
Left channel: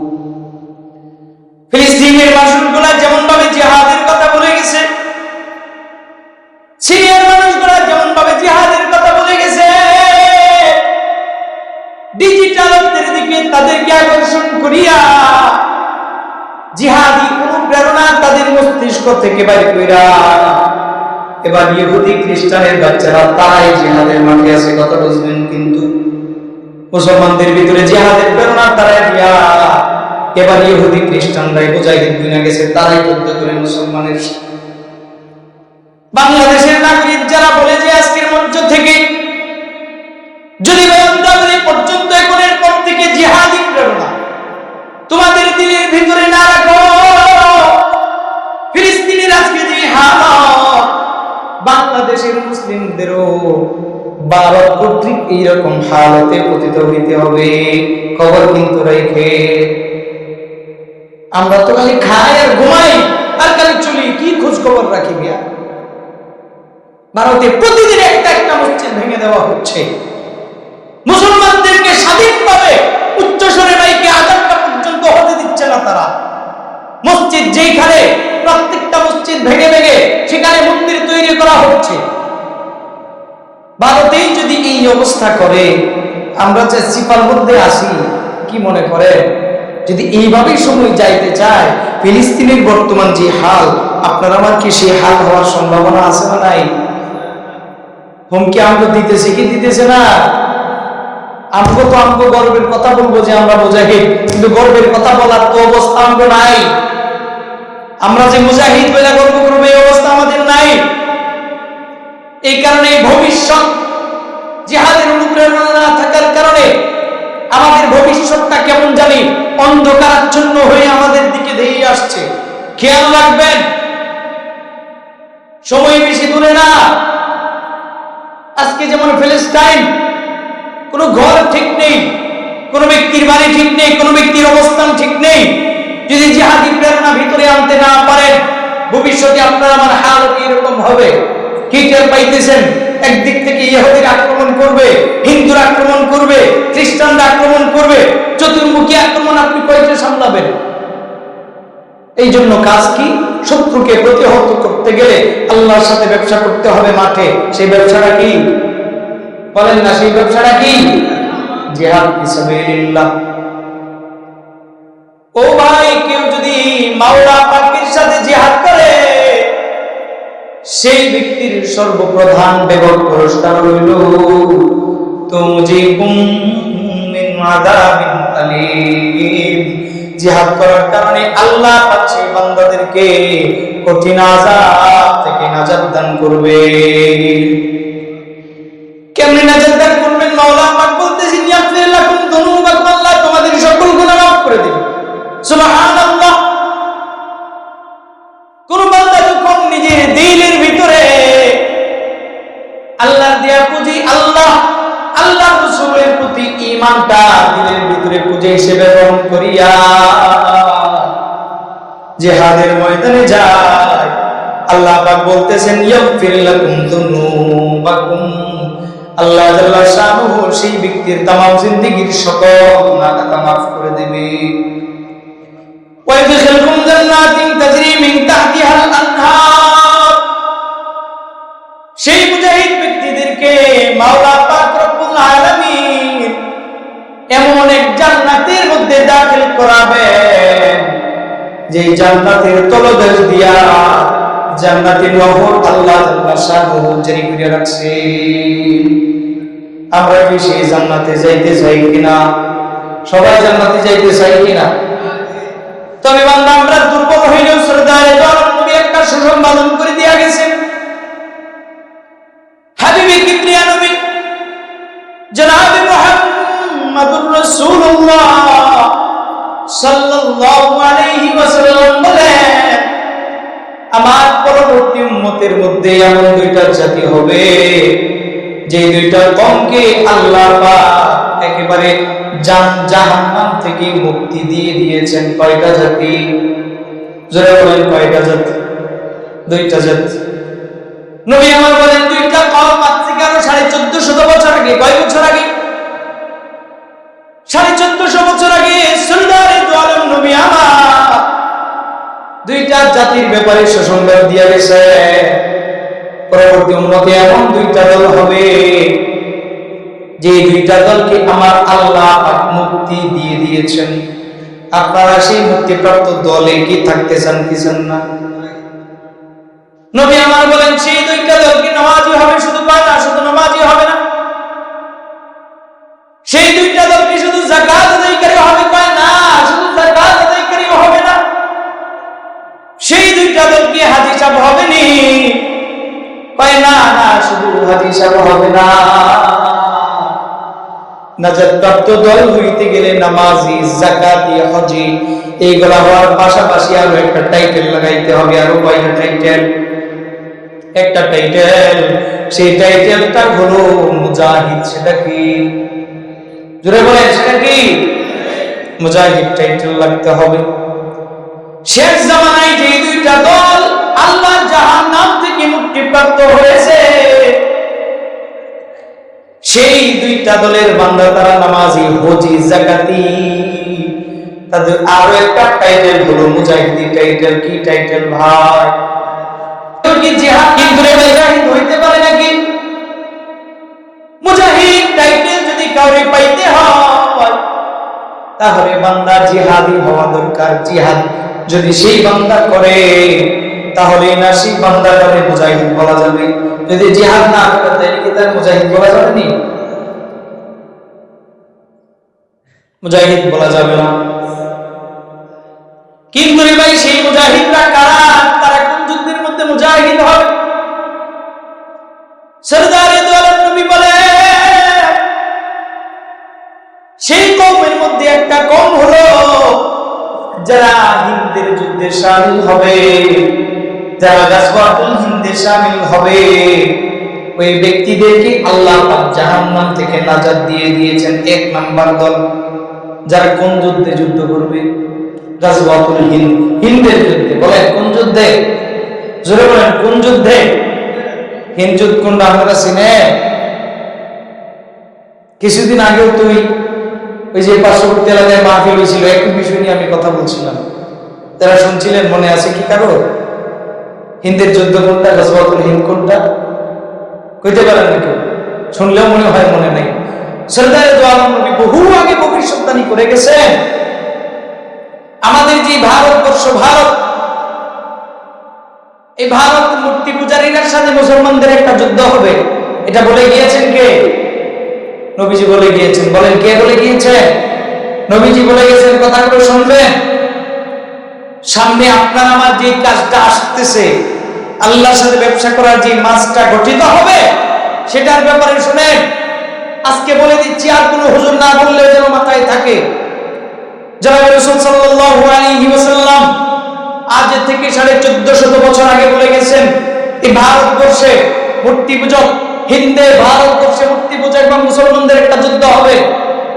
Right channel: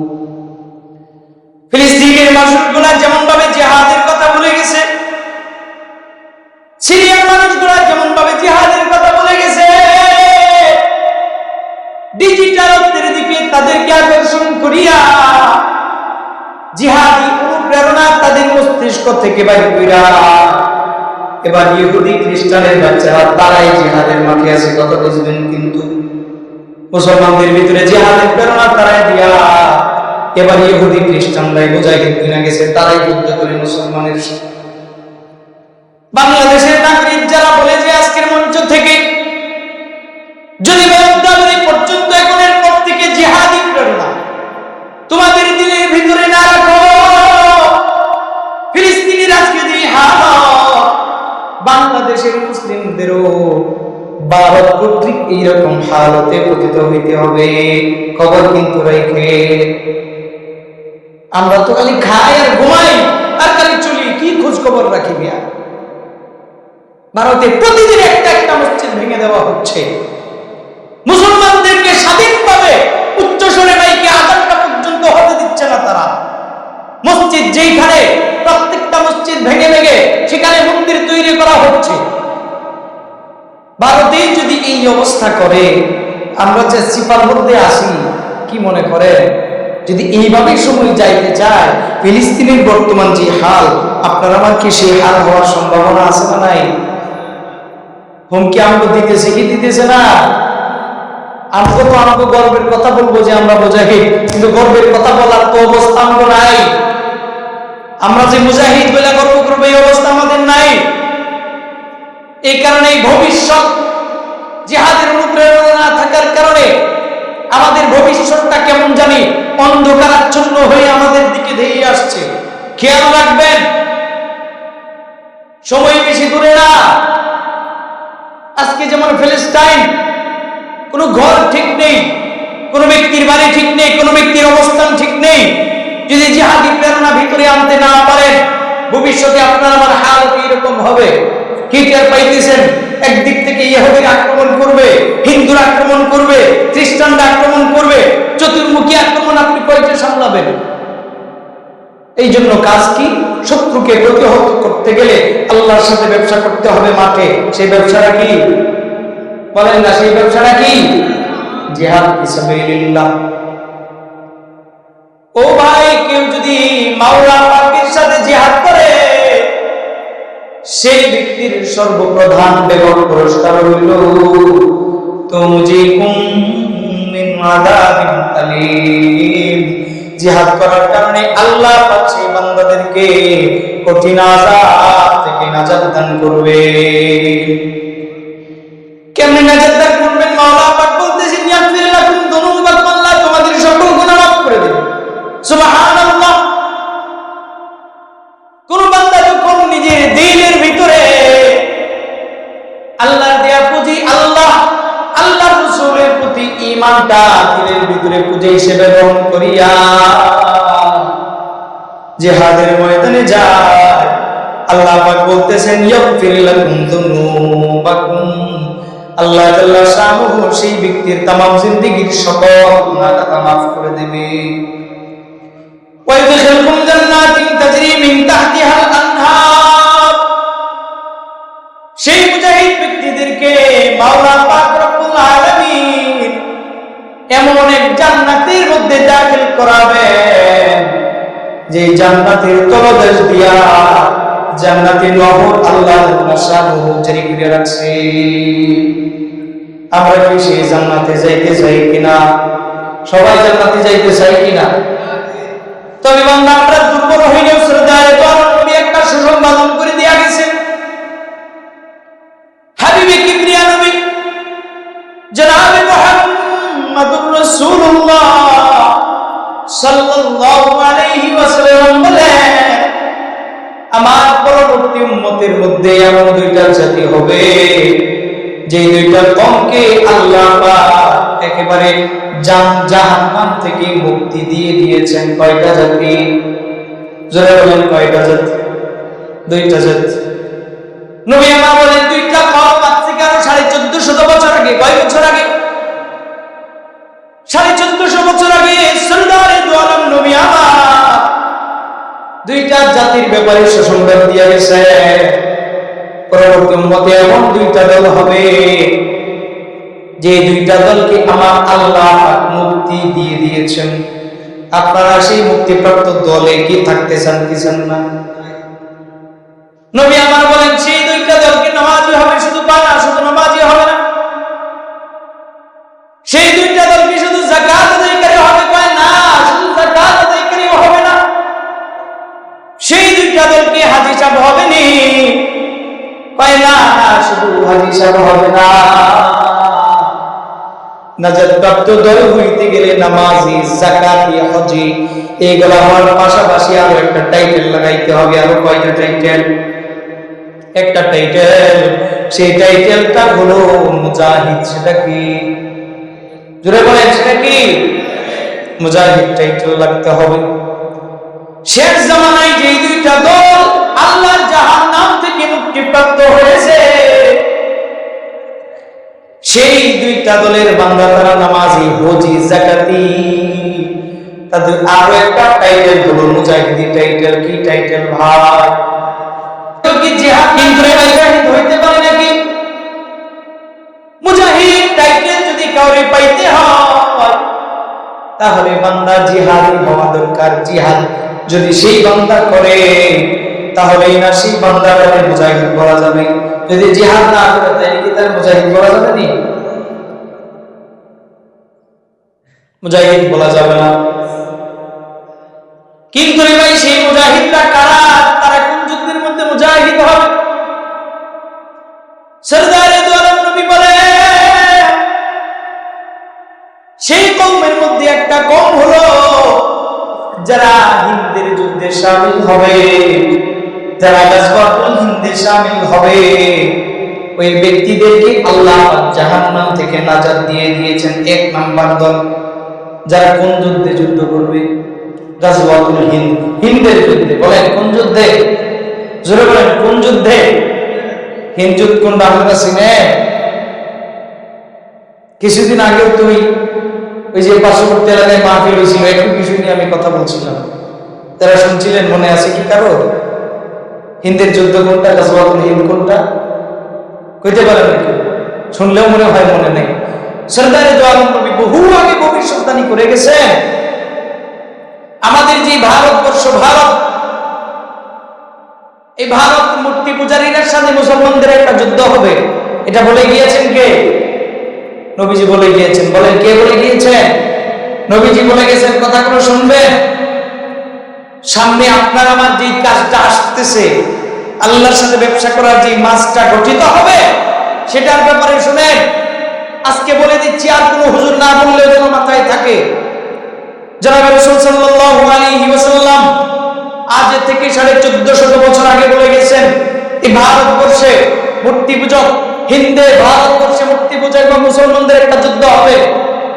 ফিলিস্তিনের মানুষগুলা যেমন ভাবে জিহাদের কথা বলে গেছে, সিরিয়ার মানুষগুলা যেমন ভাবে জিহাদের কথা বলে গেছে, ডিজিটাল অর্থের দিকে তাদেরকে আকর্ষণ করিয়া জিহাদি অনুপ্রেরণা তাদের মস্তিষ্ক থেকে বাইর কইরা এবার ইহুদি খ্রিস্টানের বাচ্চারা তারাই জিহাদের মাঠে আছে, কথা বুঝবেন। কিন্তু মুসলমানদের ভিতরে জিহাদের প্রেরণা তারাই দিয়া এবার ইহুদি খ্রিস্টানরাই মুজাহিদ বিনা গেছে, তারাই যুদ্ধ করে মুসলমানের। বাংলাদেশের নাগরিক যারা বলে যে আজকের মঞ্চ থেকে যদি পর্যন্ত এখনের পর থেকে জিহাদি প্রেরণা তোমাদের দিলের ভিতরে না রাখো, ফিলিস্তিনের আজকে যে হালত, বাংলাদেশের মুসলিমদেরও ভারত কর্তৃক এইরকম হালতে পতিত হইতে হবে। খবর কিন্তু রেখে, আমরা তো খালি খাই আর ঘুমাই আর খালি চলি, কি খোঁজ খবর রাখি বিয়া? ভারতে প্রতিদিন একটা একটা মসজিদ ভেঙে দেওয়া হচ্ছে। মুসলমানদেরকে স্বাধীনভাবে উচ্চস্বরে মাইকে আযানটা পর্যন্ত হতে দিচ্ছে না তারা। মসজিদ যেখানে, প্রত্যেকটা মসজিদ ভেঙে ভেঙে সেখানে মন্দির তৈরি করা হচ্ছে। ভারতেই যদি এই অবস্থা করে, আমরা যে সিপার মধ্যে আসি, কি মনে করে যদি এইভাবেই সময় যাইতে চায়, ফিলিস্তিনের বর্তমান যে হাল, আপনার আমার কি সেই হাল হওয়ার সম্ভাবনা আছে না নাই? হুমকি আমগো দিতেছে কি দিতেছে না? আমগো তো আমগো গর্বের কথা বলবো যে আমরা মুজাহিদ, কিন্তু গর্বের কথা বলার তো অবস্থা আমগো নাই। আমরা যে মুজাহিদ বলে গর্ব করবো এই অবস্থা আমাদের নাই। এই কারণে ভবিষ্যৎ জিহাদের অনুপ্রেরণা না থাকার কারণে আমাদের ভবিষ্যৎটা কেমন জানি অন্ধকারাচ্ছন্ন হয়ে আমাদের দিকে ধেয়ে আসছে। খেয়াল রাখবেন, সময় বেশি দূরে না। আজকে যেমন ফিলিস্তিন, কোনো ঘর ঠিক নেই, কোনো ব্যক্তির বাড়ি ঠিক নেই, কোনো ব্যক্তির অবস্থান ঠিক নেই। যদি জিহাদি প্রেরণা ভিতরে আনতে না পারেন, ভবিষ্যতে আপনার আমার হালত এরকম হবে। কি টের পাইতেছেন? একদিক থেকে ইহুদিরা আক্রমণ করবে, হিন্দুরা আক্রমণ করবে, খ্রিস্টানরা আক্রমণ করবে, চতুর্মুখী আক্রমণ আপনি কয়টা সামলাবেন? এই জন্য কাজ কি? শত্রুকে প্রতিহত করতে গেলে আল্লাহর সাথে ব্যবসা করতে হবে মাঠে। সেই ব্যবসাটা কি বলেন না? সেই ব্যবসাটা কি? জিহাদ ফিসাবিলিল্লাহ। ও ভাই, কেউ যদি মাওলা পাকের সাথে জিহাদ করে, সেই ব্যক্তির সর্বপ্রধান বেগম পুরস্কার হইল তুমজিকুম মিন আযাবিন আলীম। জিহাদ করার কারণে আল্লাহ পাক সেই বান্দাদেরকে কঠিন আযাব থেকে নাজাত দান করবে। কেমনে নাজাত দান করবেন? মাওলা পাক বলতেছেন ইয়াগফির লাকুম যুনুবাকুম, আল্লাহ তোমাদের সকল গুনাহ মাফ করে দিবেন। সুবহানাল্লাহ। কোন বান্দা যখন নিজের দিলের ভিতরে আল্লাহর দেয়া পুঁজি, আল্লাহ আল্লাহর রাসূলের প্রতি ঈমানটা দিলের ভিতরে পুঁজি হিসেবে গ্রহণ করিয়া জিহাদের ময়দানে যায়, আল্লাহ পাক বলতেছেন ইয়াগফির লাকুম যুনুবাকুম, আল্লাহ জাল্লা শানুহু সেই ব্যক্তির তামাম জিন্দেগীর সকল গুনাহ মাফ করে দেবে। ويدخلكم جنات تجري من تحتها الانهار। সেই মুজাহিদ ব্যক্তিদেরকে মাওলা পাক রব্বুল আলামিন এমন এক জান্নাতের মধ্যে দাখিল করাবেন, যে জান্নাতের তলদেশ দিয়া জান্নাতের নহর আল্লাহ জাল্লা শানুহু জারি করে রাখছে। আমরা কি সেই জান্নাতে যাইতে চাই কিনা? সবাই জান্নাতে যাইতে চাই কিনা? তবে বান্দা আমরা দুর্বল হইলেও সরদারে তো আলম নবী একটা সুসংবাদ করে দিয়া গেছেন। হাবিবে কিবরিয়া নবী জনাবে মুহাম্মদুর রাসূলুল্লাহ সাল্লাল্লাহু আলাইহি ওয়াসাল্লাম বলেন, আমার পরবর্তী উম্মতের মধ্যে এমন দুইটা জাতি হবে যে দুইটা কমকে আল্লাহ পাক একেবারে জাহান্নাম থেকে মুক্তি দিয়ে দিয়েছেন। কয়টা জাতি? জোরে বলেন কয়টা জাতি? দুইটা জাতি। নবী আমার বলেন দুইটা কওম আজ থেকে আরো 1450 বছর আগে, কয় বছর আগে? 1450 বছর আগে সরদারে দু আলম নবী আমার দুইটা জাতির ব্যাপারে সুসংবাদ দিয়ে গেছে। পরবর্তী উম্মতে এমন দুইটা দল হবে যে দুইটা দলকে আমার আল্লাহ পাক মুক্তি দিয়ে দিয়েছেন। আপনারা সেই মুক্তিপ্রাপ্ত দলে কি থাকতে চান কি চান না? নবী আমার বলেন সেই দুইটা দলকে নামাজি হবে, শুধু কয় না শুধু নামাজি হবে না, সেই দুইটা দলকে শুধু যাকাত আদায়কারী হবে, কয় না শুধু যাকাত আদায়কারী হবে না, সেই দুইটা দলকে হাজী সাহেব হবে নি, কয় না না শুধু হাজী সাহেব হবে না, নাজাত প্রাপ্ত দল হইতে গেলে নামাজি, যাকাতি, হজি এইগুলা হওয়ার পাশাপাশি আরো একটা টাইটেল লাগাইতে হবে। আরো কয়টা টাইটেল? একটা টাইটেল, সেই টাইটেলটা হলো মুজাহিদ। সেটা কি? জোরে বলেন সেটা কি? মুজাহিদ টাইটেল লাগতে হবে। শেষ জামানায় যে দুইটা দল আল্লাহর জাহান্নাম থেকে মুক্তিপ্রাপ্ত হয়েছে, সেই দুইটা দলের বান্দা তারা নামাজি, হজি, যাকাতি, তাদের আরো একটা টাইটেল হলো মুজাহিদি টাইটেল। কি টাইটেল ভাই? তো কি জিহাদ কিন্তু রে ভাই মুজাহিদ হইতে পারে নাকি? মুজাহিদ টাইটেল যদি কাউরে পাইতে হয় তাহলে বান্দা জিহাদি হওয়া দরকার। জিহাদ যদি সেই বান্দা করে তাহলেই না সেই বান্দাটাকে মুজাহিদ বলা যাবে। যদি জিহাদ না করে তাহলে কি তার মুজাহিদ বলা যাবে নি? মুজাহিদ বলা যাবে না। কিন্তু রে ভাই সেই মুজাহিদরা কারা? তারা কোন যুদ্ধের মধ্যে মুজাহিদ হবে? সরদারে দু আলম নবী বলেন সেই কওমের মধ্যে একটা কওম হলো যারা হিন্দের যুদ্ধে শামিল হবে, যারা গাজওয়াতুল হিন্দে শামিল হবে, ওই ব্যক্তিদেরকে আল্লাহ পাক জাহান্নাম থেকে নাজাত দিয়ে দিয়েছেন। এক নাম্বার দল যারা কোন যুদ্ধে যুদ্ধ করবে? গাজওয়াতুল হিন্দ, হিন্দের যুদ্ধে। বলেন কোন যুদ্ধে? জোরে বলেন কোন যুদ্ধে? হিন্দ যুদ্ধ কোনটা আপনারা চিনেন? কিছুদিন আগেও তুই ওই যে পার্শ্ববর্তী এলাকায় মাহফিল হয়েছিল, একই বিষয় নিয়ে আমি কথা বলছিলাম, তারা শুনছিলেন, মনে আছে কি কারো? হিন্দের যুদ্ধ কোনটা, গাজওয়াতুল হিন্দ কোনটা কইতে পারেন না কেউ? শুনলেও মনে হয় মনে নাই। সরদারে দু আলম নবী বহু আগে ভবিষ্যৎবাণী করে গেছেন। আমাদের যে ভারতবর্ষ, ভারত, এই ভারত মূর্তি পূজারীদের সাথে মুসলমানদের একটা যুদ্ধ হবে, এটা বলে গিয়েছেন কে? নবীজি বলে গিয়েছেন। বলেন কে বলে গিয়েছেন? নবীজি বলে গেছেন। কথাগুলো শুনবেন। সামনে আপনার আমার যে কাজটা আসতেছে, আল্লাহর সাথে ব্যবসা করার যে মাসটা গঠিত হবে, সেটার ব্যাপারে শুনেন। আজকে বলে দিচ্ছি, আর কোনো হুজুর না বললেও যেন মাথায় থাকে। জনাবে রাসূল সাল্লাল্লাহু আলাইহি ওয়াসাল্লাম আজ থেকে 1450 বছর আগে বলে গেছেন, এই ভারতবর্ষে মূর্তি পূজক, হিন্দে ভারতবর্ষে মূর্তি পূজক বা মুসলমানদের একটা যুদ্ধ হবে,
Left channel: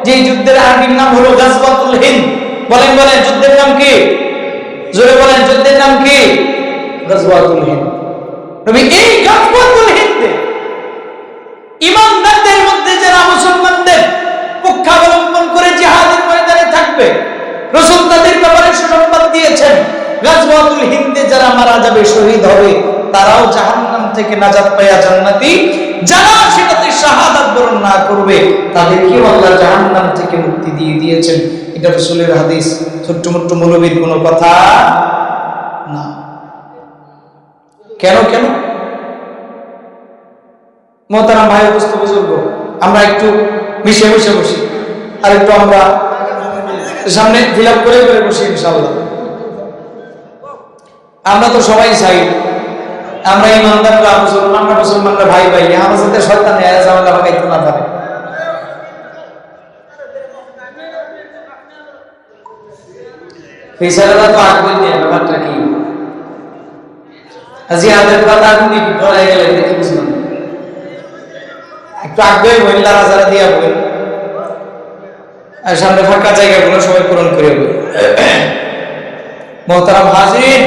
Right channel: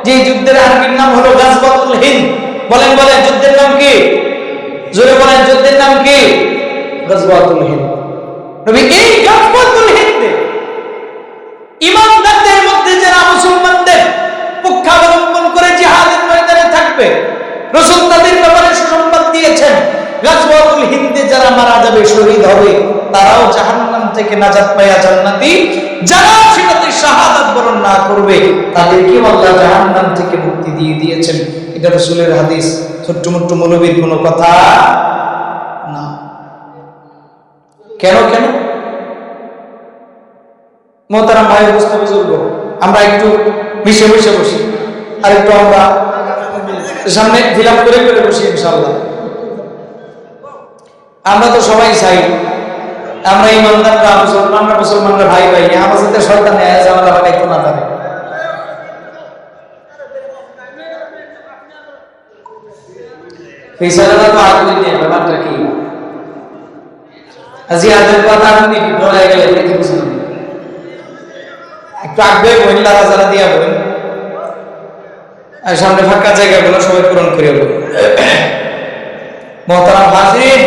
যে যুদ্ধের আরবির নাম হলো গাজওয়াতুল হিন্দ। বলেন বলেন যুদ্ধের নাম কি? জোরে বলেন যুদ্ধের নাম কি? গাজওয়াতুল হিন্দ। নবী এই গাজওয়াতুল হিন্দে ইমানদারদের মধ্যে যারা মুসলমানদের পক্ষাবলম্বন করে জিহাদের ময়দানে থাকবে, রাসূল তাদের ব্যাপারে সুসংবাদ দিয়েছেন। গাজওয়াতুল হিন্দে যারা মারা যাবে, শহীদ হবে, তারাও জাহান্নাম থেকে নাজাত পায়া জান্নাতি। যারা সেটাতে শাহাদাত বরণ না করবে, তাদেরকে আল্লাহ জাহান্নাম থেকে মুক্তি দিয়ে দিয়েছেন। এটা রাসূলের হাদিস, ছোট্ট মোট্ট মৌলবীর কোনো কথা না। কেন কেন? মোহতারাম ভাই, উপস্থিত বুজুর্গ, আমরা একটু মিশে মিশে বসি, আর একটু আমরা সামনে ফিল আপ করে করে বসি ইনশাআল্লাহ। আমরা তো সবাই চাই আমরা ইমানদাররা মুসলমানরা ভাই ভাই, আমার সাথে শয়তান ঝামেলা লাগাইতে না পারে। বিচারটা তো আগ্রহী নিয়ে ব্যাপারটা কি জিহাদের কথা আপনি ডরাই গেলেন দেখি বুঝলাম, একটু আগ্রহী বইন, লারাজারা দিয়া বইন, আর সামনে ফাঁকা জায়গাগুলো সবাই পূরণ করিয়া বই। মোহতারাম হাজির,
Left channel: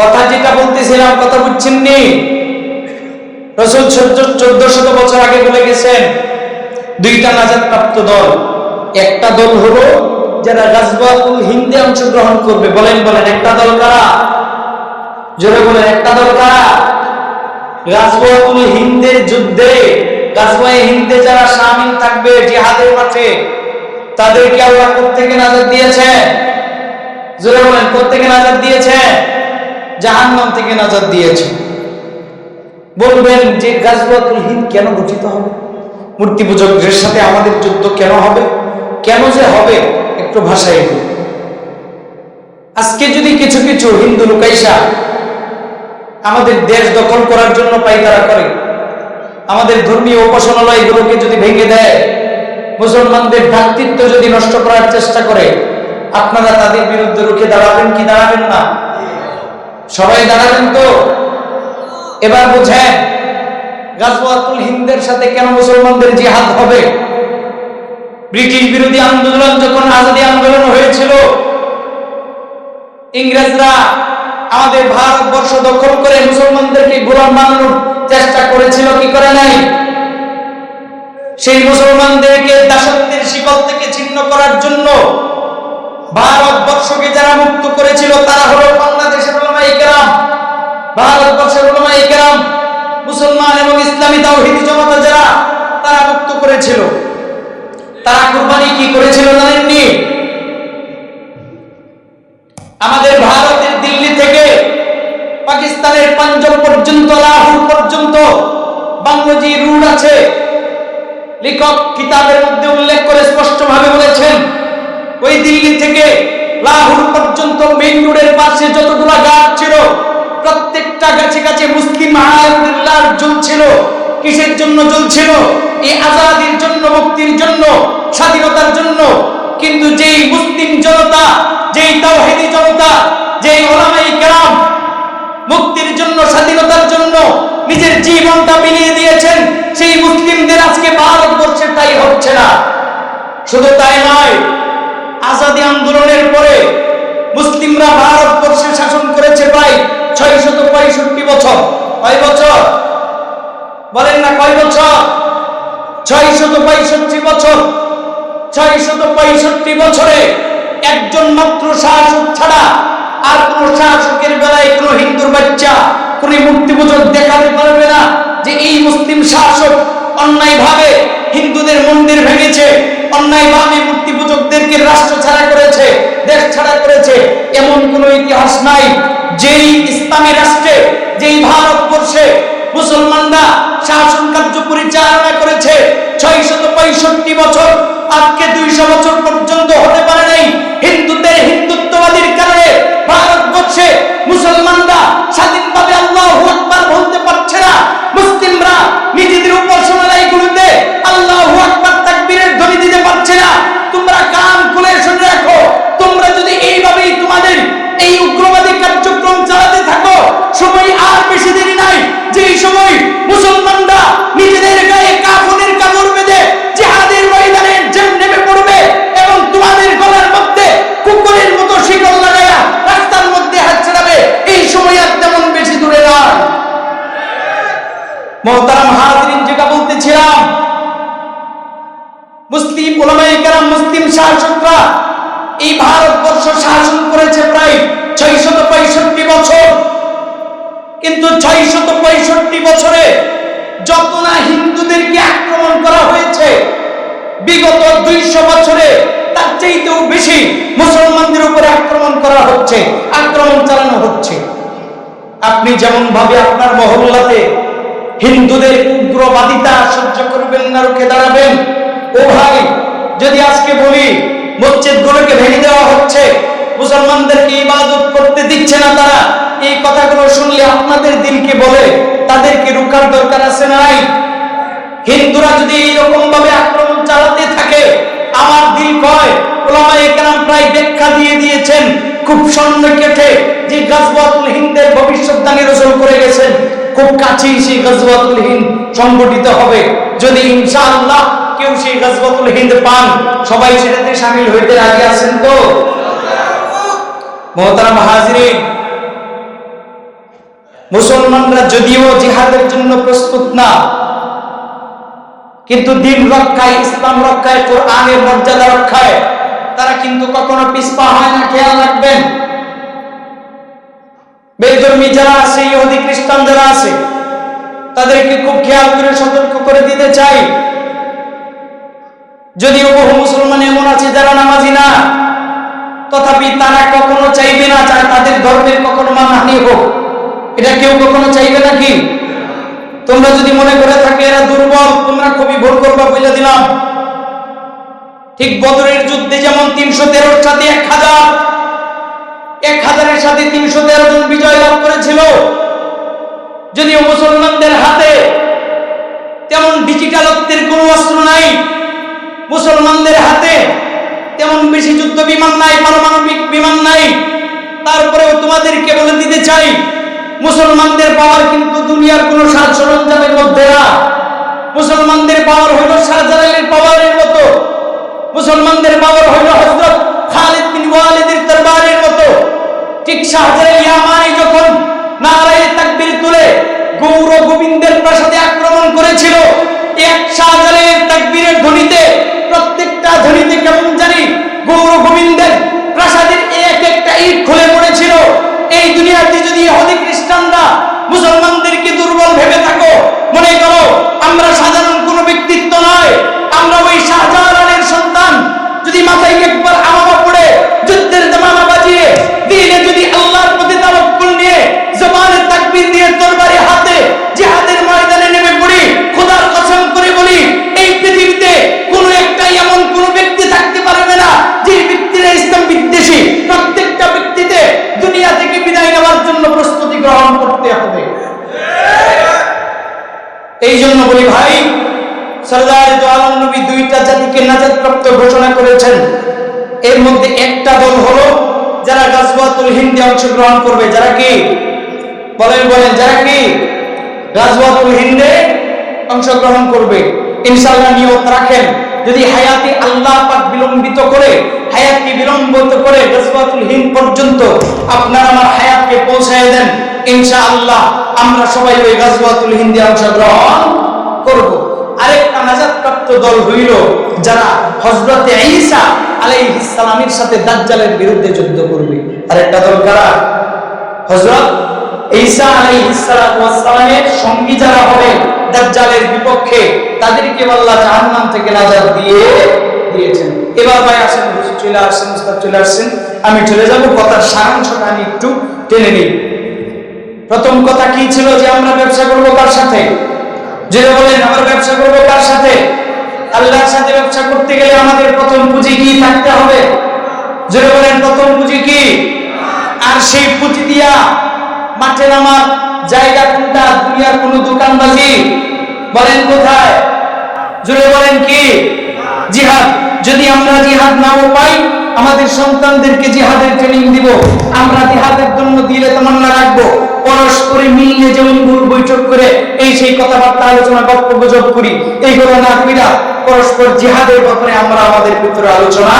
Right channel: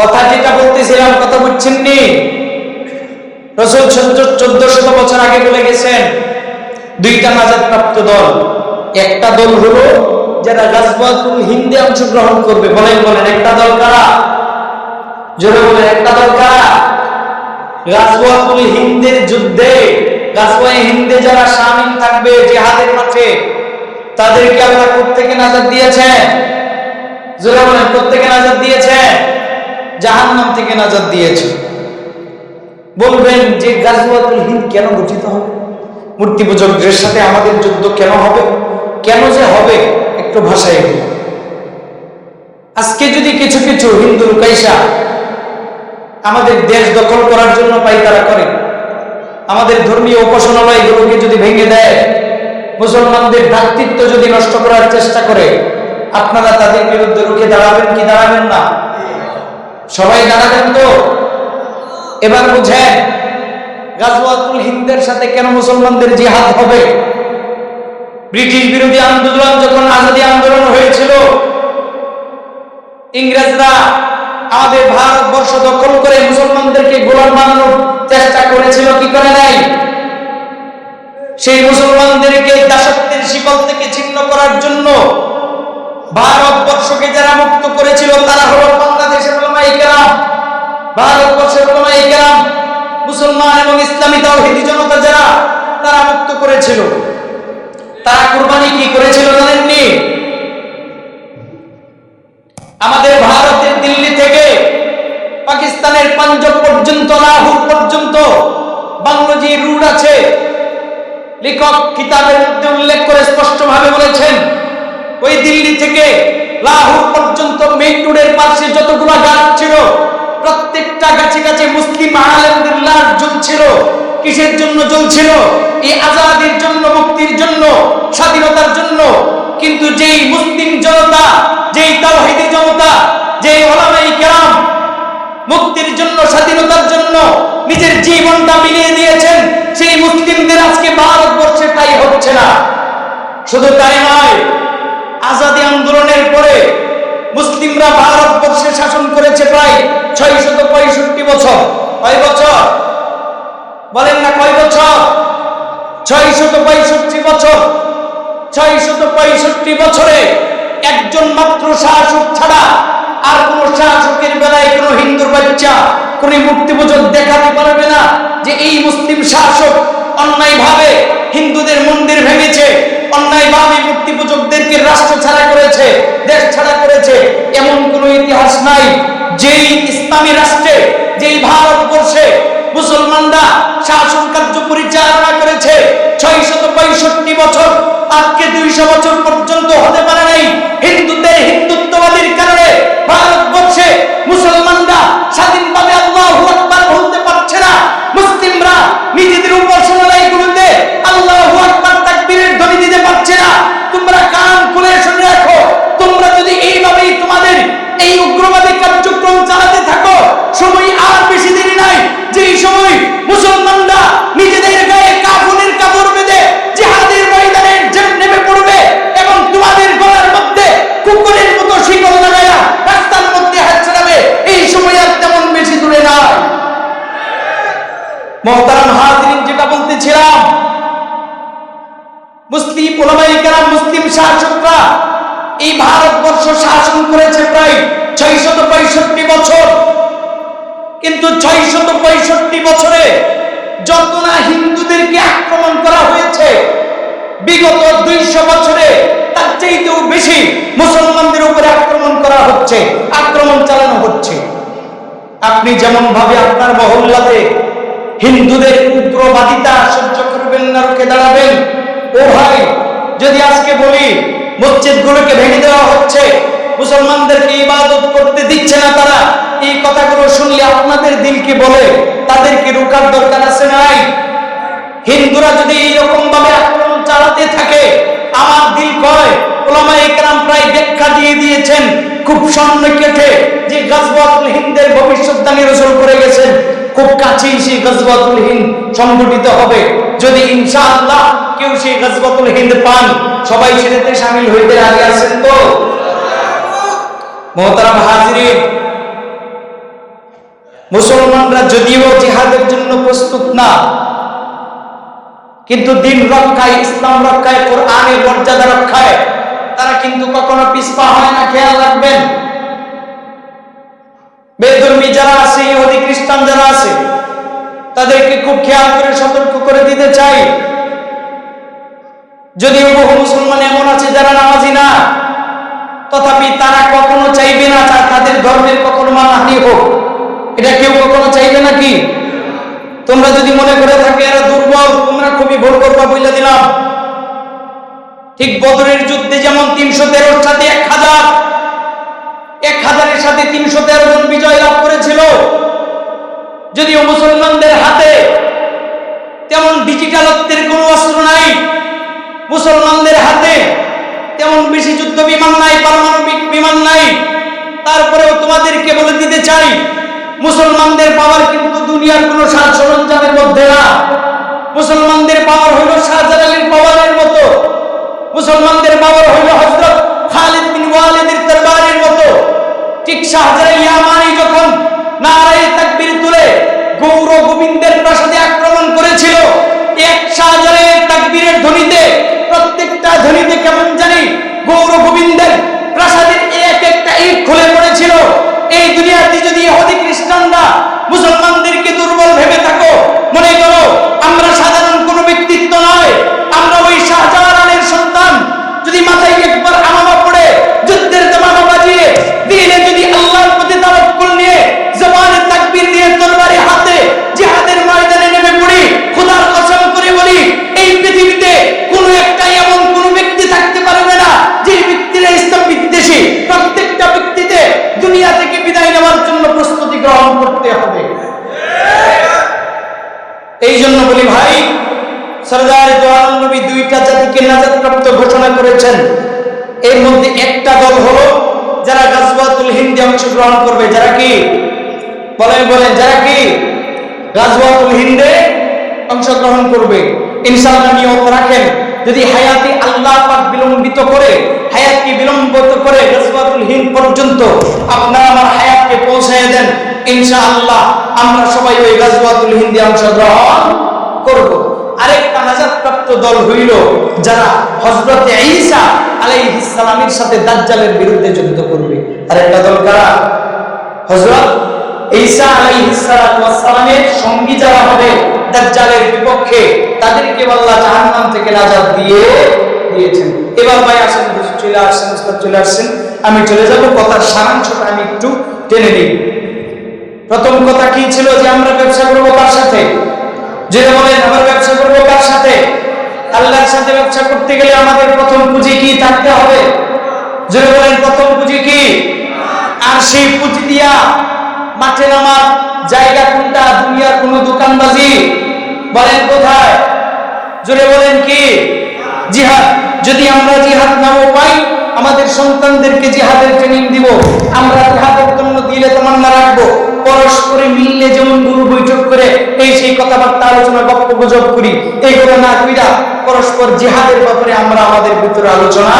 কথা যেটা বলতেছিলাম কথা বুঝছেন নি? রাসূল 1400 বছর আগে বলে গেছেন দুইটা নাজাত প্রাপ্ত দল। একটা দল হলো যারা গাজওয়াতুল হিন্দে অংশগ্রহণ করবে। বলেন বলেন একটা দল কারা? জোরে বলেন একটা দল কারা? গাজওয়াতুল হিন্দের যুদ্ধে, গাজওয়ায়ে হিন্দে যারা শামিল থাকবে জিহাদের মাঠে, তাদেরকে আল্লাহ কোত্থেকে নাজাত দিয়েছেন? জোরে বলেন কোত্থেকে নাজাত দিয়েছেন? জাহান্নাম থেকে নাজাত দিয়েছে। বলবেন যে গাজওয়াতুল হিন্দ কেন গঠিত হবে? মূর্তি পূজকদের সাথে আমাদের যুদ্ধ কেন হবে? কেন যে হবে একটু ভাষায় দিই। আজকে যদি কিছু কিছু হিন্দু লুকাইসা আমাদের দেশ দখল করার জন্য পাইতারা করে, আমাদের ধর্মীয় উপাসনালয়গুলোকে যদি ভেঙে দেয়, মুসলমানদের ভ্রাতৃত্ব যদি নষ্ট করার চেষ্টা করে, আপনারা তাদের বিরুদ্ধে রুখে দাঁড়াবেন কি দাঁড়াবেন না? সবাই দাঁড়াবেন তো? এবার বুঝেন গাজওয়াতুল হিন্দের সাথে কেন মুসলমানদের জিহাদ হবে। ব্রিটিশ বিরোধী আন্দোলন যখন আজাদী আন্দোলন হয়েছিল, ইংরেজরা আমাদের ভারতবর্ষ দখল করে মুসলমানদেরকে গোলাম বানানোর চেষ্টা করেছিল কি করে নাই? সেই মুসলমানদেরকে দাসত্বের শিকল থেকে ছিন্ন করার জন্য ভারতবর্ষকে যারা মুক্ত করেছিল তারা হলো বাংলাদেশের উলামায়ে কেরাম, ভারতবর্ষের উলামায়ে কেরাম, মুসলমান এবং ইসলামী তাওহীদি জনতা যারা, তারা মুক্ত করেছিল। তারা কুরবানি কি করেছিল জানেননি? আমাদের ভারতের দিল্লি থেকে পাকিস্তানের পাঞ্জাব পর্যন্ত, লাহোর পর্যন্ত বাংলো যে রুট আছে, লেখক কিতাবের মধ্যে উল্লেখ করে স্পষ্টভাবে বলেছেন ওই দিল্লি থেকে লাহোর পর্যন্ত মেইন রোডের পাশে যতগুলো গাছ ছিল, প্রত্যেকটা গাছে গাছে মুসলিম আলেমদের লাশ জ্বলছিল। কিসের জন্য জ্বলছিল? এই আজাদির জন্য, মুক্তির জন্য, স্বাধীনতার জন্য। কিন্তু যেই মুসলিম জনতা, যেই তাওহীদি জনতা, যেই উলামায়ে কেরাম মুক্তির জন্য, স্বাধীনতার জন্য নিজের জীবনটা বিলিয়ে দিয়েছেন, সেই মুসলিমদের আজকে ভারতবর্ষে তাই হচ্ছে না। শুধু তাই নয়, আজাদী আন্দোলনের পরে মুসলিমরা ভারতবর্ষে শাসন করেছে প্রায় 665 বছর। কয় বছর বলেন না? কয় বছর? 665 বছর। 665 বছরে একজন মাত্র শাসক ছাড়া আর কোন শাসকের বেলায় কোন হিন্দুর বাচ্চা, কোন মূর্তি পূজক দেখাতে পারবে না যে এই মুসলিম শাসক অন্যায়ভাবে হিন্দুদের মন্দির ভেঙেছে, অন্যায়ভাবে মূর্তি পূজকদেরকে রাষ্ট্র ছাড়া করেছে, দেশ ছাড়া করেছে। এমন কোন ইতিহাস নাই। যেই ইসলামী রাষ্ট্রে, যেই ভারতবর্ষে মুসলমানরা শাসন কার্য পরিচালনা করেছে 665 বছর, আজকে 200 বছর পর্যন্ত হতে পারে নাই। হিন্দুদের হিন্দুত্ববাদীর কারণে ভারতবর্ষে মুসলমানরা স্বাধীনভাবে আল্লাহু আকবার বলতে পারছে না। মুসলিমরা নিজেদের উপাসনালয়গুলোতে আল্লাহু আকবার তাকবীরের ধ্বনি দিতে পারছে না। তোমরা কান খুলে শুনে রাখো, তোমরা যদি এইভাবেই তোমাদের এই উগ্রবাদী কার্যক্রম চালাতে থাকো, সময় আর বেশি দেরি নাই, যেই সময় মুসলমানরা নিজেদের গায়ে কাফনের কাপড় বেঁধে জিহাদের ময়দানে নেমে পড়বে এবং তোমাদের গলার মধ্যে কুকুরের মতো শিকল লাগায়া রাস্তার মধ্যে হাত ছড়াবে, এই সময় আর তেমন বেশি দূরে নাই। মুহতারাম হাজিরিন, যেটা বলতেছিলাম, মুসলিম উলামায়ে কেরাম, মুসলিম শাসকরা এই ভারতবর্ষ শাসন করেছে প্রায় 665 বছর। কিন্তু 665 বছরে যত না হিন্দুদেরকে আক্রমণ করা হয়েছে, বিগত 200 বছরে তার চাইতেও বেশি মুসলমানদের উপরে আক্রমণ করা হচ্ছে, আক্রমণ চালানো হচ্ছে। আপনি যেমন ভাবে আপনার মহল্লাতে হিন্দুদের উগ্রবাদিতা সহ্য করবেন না, রুখে দাঁড়াবেন, ও ভাই, যদি আজকে বলি মসজিদগুলোকে ভেঙে দেওয়া হচ্ছে, মুসলমানদেরকে ইবাদত করতে দিচ্ছে না তারা, এই কথাগুলো শুনলে আপনাদের দিলকে বলে তাদেরকে রুখার দরকার আছে নাই? হিন্দুরা যদি এইরকম ভাবে আক্রমণ চালাতে থাকে, আমার দিল কয় উলামায়ে কেরাম প্রায় ব্যাখ্যা দিয়ে দিয়েছেন খুব সন্নিকটে যে গাজওয়াতুল হিন্দের ভবিষ্যদ্বাণী রাসূল করে গেছেন, খুব কাছেই সেই গাজওয়াতুল হিন্দ সংগঠিত হবে। যদি ইনশাআল্লাহ কেউ সেই গাজওয়াতুল হিন্দ পান, সবাই সেটাতে শামিল হইতে রাজি আছেন তো? মুহতারাম হাজিরিন, মুসলমানরা যদিও জিহাদের জন্য প্রস্তুত না, কিন্তু দিন রক্ষায়, ইসলাম রক্ষায়, কোরআনের মর্যাদা রক্ষায় তারা কিন্তু কখনো পিছপা হয় না। খেয়াল রাখবেন, বেধর্মী যারা আছে, ইহুদি খ্রিস্টান যারা আছে, তাদেরকে খুব খেয়াল করে সতর্ক করে দিতে চাই। যদিও বহু মুসলমান এমন আছে যারা নামাজি না, তথাপি তারা কখনো চাইবে না তাদের ধর্মের কখনো মানহানি হোক। এটা কেউ কখনো চাইবে নাকি? তোমরা যদি মনে করে থাকে এরা দুর্বল, তোমরা খুবই ভুল করবা বলে দিলাম। ঠিক বদরের যুদ্ধে যেমন 313 সাথে 1000-এর সাথে 313 জন বিজয় লাভ করেছিল, যদিও মুসলমানদের হাতে তেমন ডিজিটালত্বের কোনো অস্ত্র নাই, মুসলমানদের হাতে তেমন বেশি যুদ্ধ বিমান নাই, পারমাণবিক বিমান নাই, তারপরেও তোমাদেরকে বলে দিতে চাই মুসলমানদের পাওয়ার কিন্তু দুনিয়ার কোনো সাজ সরঞ্জামের মধ্যে না। মুসলমানদের পাওয়ার হইল শাহজালালের পাওয়ারের মতো, মুসলমানদের পাওয়ার হইল হযরত খালিদ বিন ওয়ালিদের তরবারের মতো। ঠিক শাহজালাল ইয়ামানি যখন নারায়ে তাকবীর তুলে গৌর গোবিন্দের প্রাসাদে আক্রমণ করেছিল, এক শাহজালালের তাকবীরের ধ্বনিতে, প্রত্যেকটা ধ্বনিতে কেমন জানি গৌর গোবিন্দের প্রাসাদের এক একটা ইট খুলে পড়েছিল। এই দুনিয়াতে যদি ইহুদি খ্রিস্টানরা মুসলমানদেরকে দুর্বল ভেবে থাকো, মনে করো আমরা সাধারণ কোনো ব্যক্তিত্ব নয়, আমরা ওই শাহজালালের সন্তান, যদি মাথায় একবার আমামা পড়ে যুদ্ধের দামামা বাজিয়ে দিলে, যদি আল্লাহর প্রতি তাওয়াক্কুল নিয়ে জবানে তাকবীর দিয়ে তরবারি হাতে জিহাদের ময়দানে নেমে পড়ি, খোদার কসম করে বলি এই পৃথিবীতে কোনো একটা এমন কোনো ব্যক্তি থাকতে পারবে না যে ব্যক্তিরা ইসলাম বিদ্বেষী। প্রত্যেকটা ব্যক্তিতে দুনিয়া থেকে বিদায় নেওয়ার জন্য প্রস্তুতি গ্রহণ করতে হবে। এই জন্য বলি ভাই, সরদারে দো আলম নবী 2টা জাতিকে নাজাত প্রাপ্ত ঘোষণা করেছেন। এর মধ্যে একটা দল হলো যারা গাজওয়াতুল হিন্দে অংশগ্রহণ করবে। যারা কি বলেন যারা কি গাজওয়াতুল হিন্দে অংশগ্রহণ করবে, ইনশাআল্লাহ নিয়ত রাখেন, যদি হায়াতে আল্লাহ পাক বিলম্বিত করে, হায়াতকে বিলম্বিত করে গাজওয়াতুল হিন্দ পর্যন্ত আপনারা আমার হায়াতকে পৌঁছায় দেন, ইনশাআল্লাহ আমরা সবাই ওই গাজওয়াতুল হিন্দে অংশগ্রহণ করব। আরেকটা নাজাতপ্রাপ্ত দল হইল যারা হযরত ঈসা আলাইহিস সালামের সাথে দাজ্জালের বিরুদ্ধে যুদ্ধ করবে। আরেকটা দল কারা? হযরত ঈসা আলাইহিস সালামের সঙ্গী যারা হবে দাজ্জালের বিপক্ষে, তাদেরকে আল্লাহ জাহান্নাম থেকে নাজাত দিয়েছেন। এবার ভাই আসেন, হুজুর চলে আসছেন, উস্তাদ চলে আসছেন, আমি চলে যাব, কথার সারাংশটা আমি একটু টেনে নিই। প্রথম কথা কি ছিল যে আমরা ব্যবসা করব কার সাথে? যেটা বলেন, আমরা ব্যবসা করব কার সাথে? আল্লাহর সাথে। ব্যবসা করতে গেলে আমাদের প্রথম পুঁজি কি থাকতে হবে? যেটা বলেন, প্রথম পুঁজি কি? আর সেই পুঁজি দিয়া মাঠে নামার জায়গা কোনটা? দুনিয়ার কোন দোকানবাজি? বলেন কোথায়? জোরে বলেন কি? জিহাদ। যদি আমরা জিহাদ নাও পাই, আমাদের সন্তানদেরকে জিহাদের ট্রেনিং দিব, আমরা জিহাদের জন্য দিলে তামান্না রাখবো, পরস্পরে মিললে যেমন ভুল বৈঠক করে এই সেই কথাবার্তা আলোচনা গপ্প গুজব করি, এইগুলো না কইরা পরস্পর জিহাদের ব্যাপারে আমরা আমাদের ভিতরে আলোচনা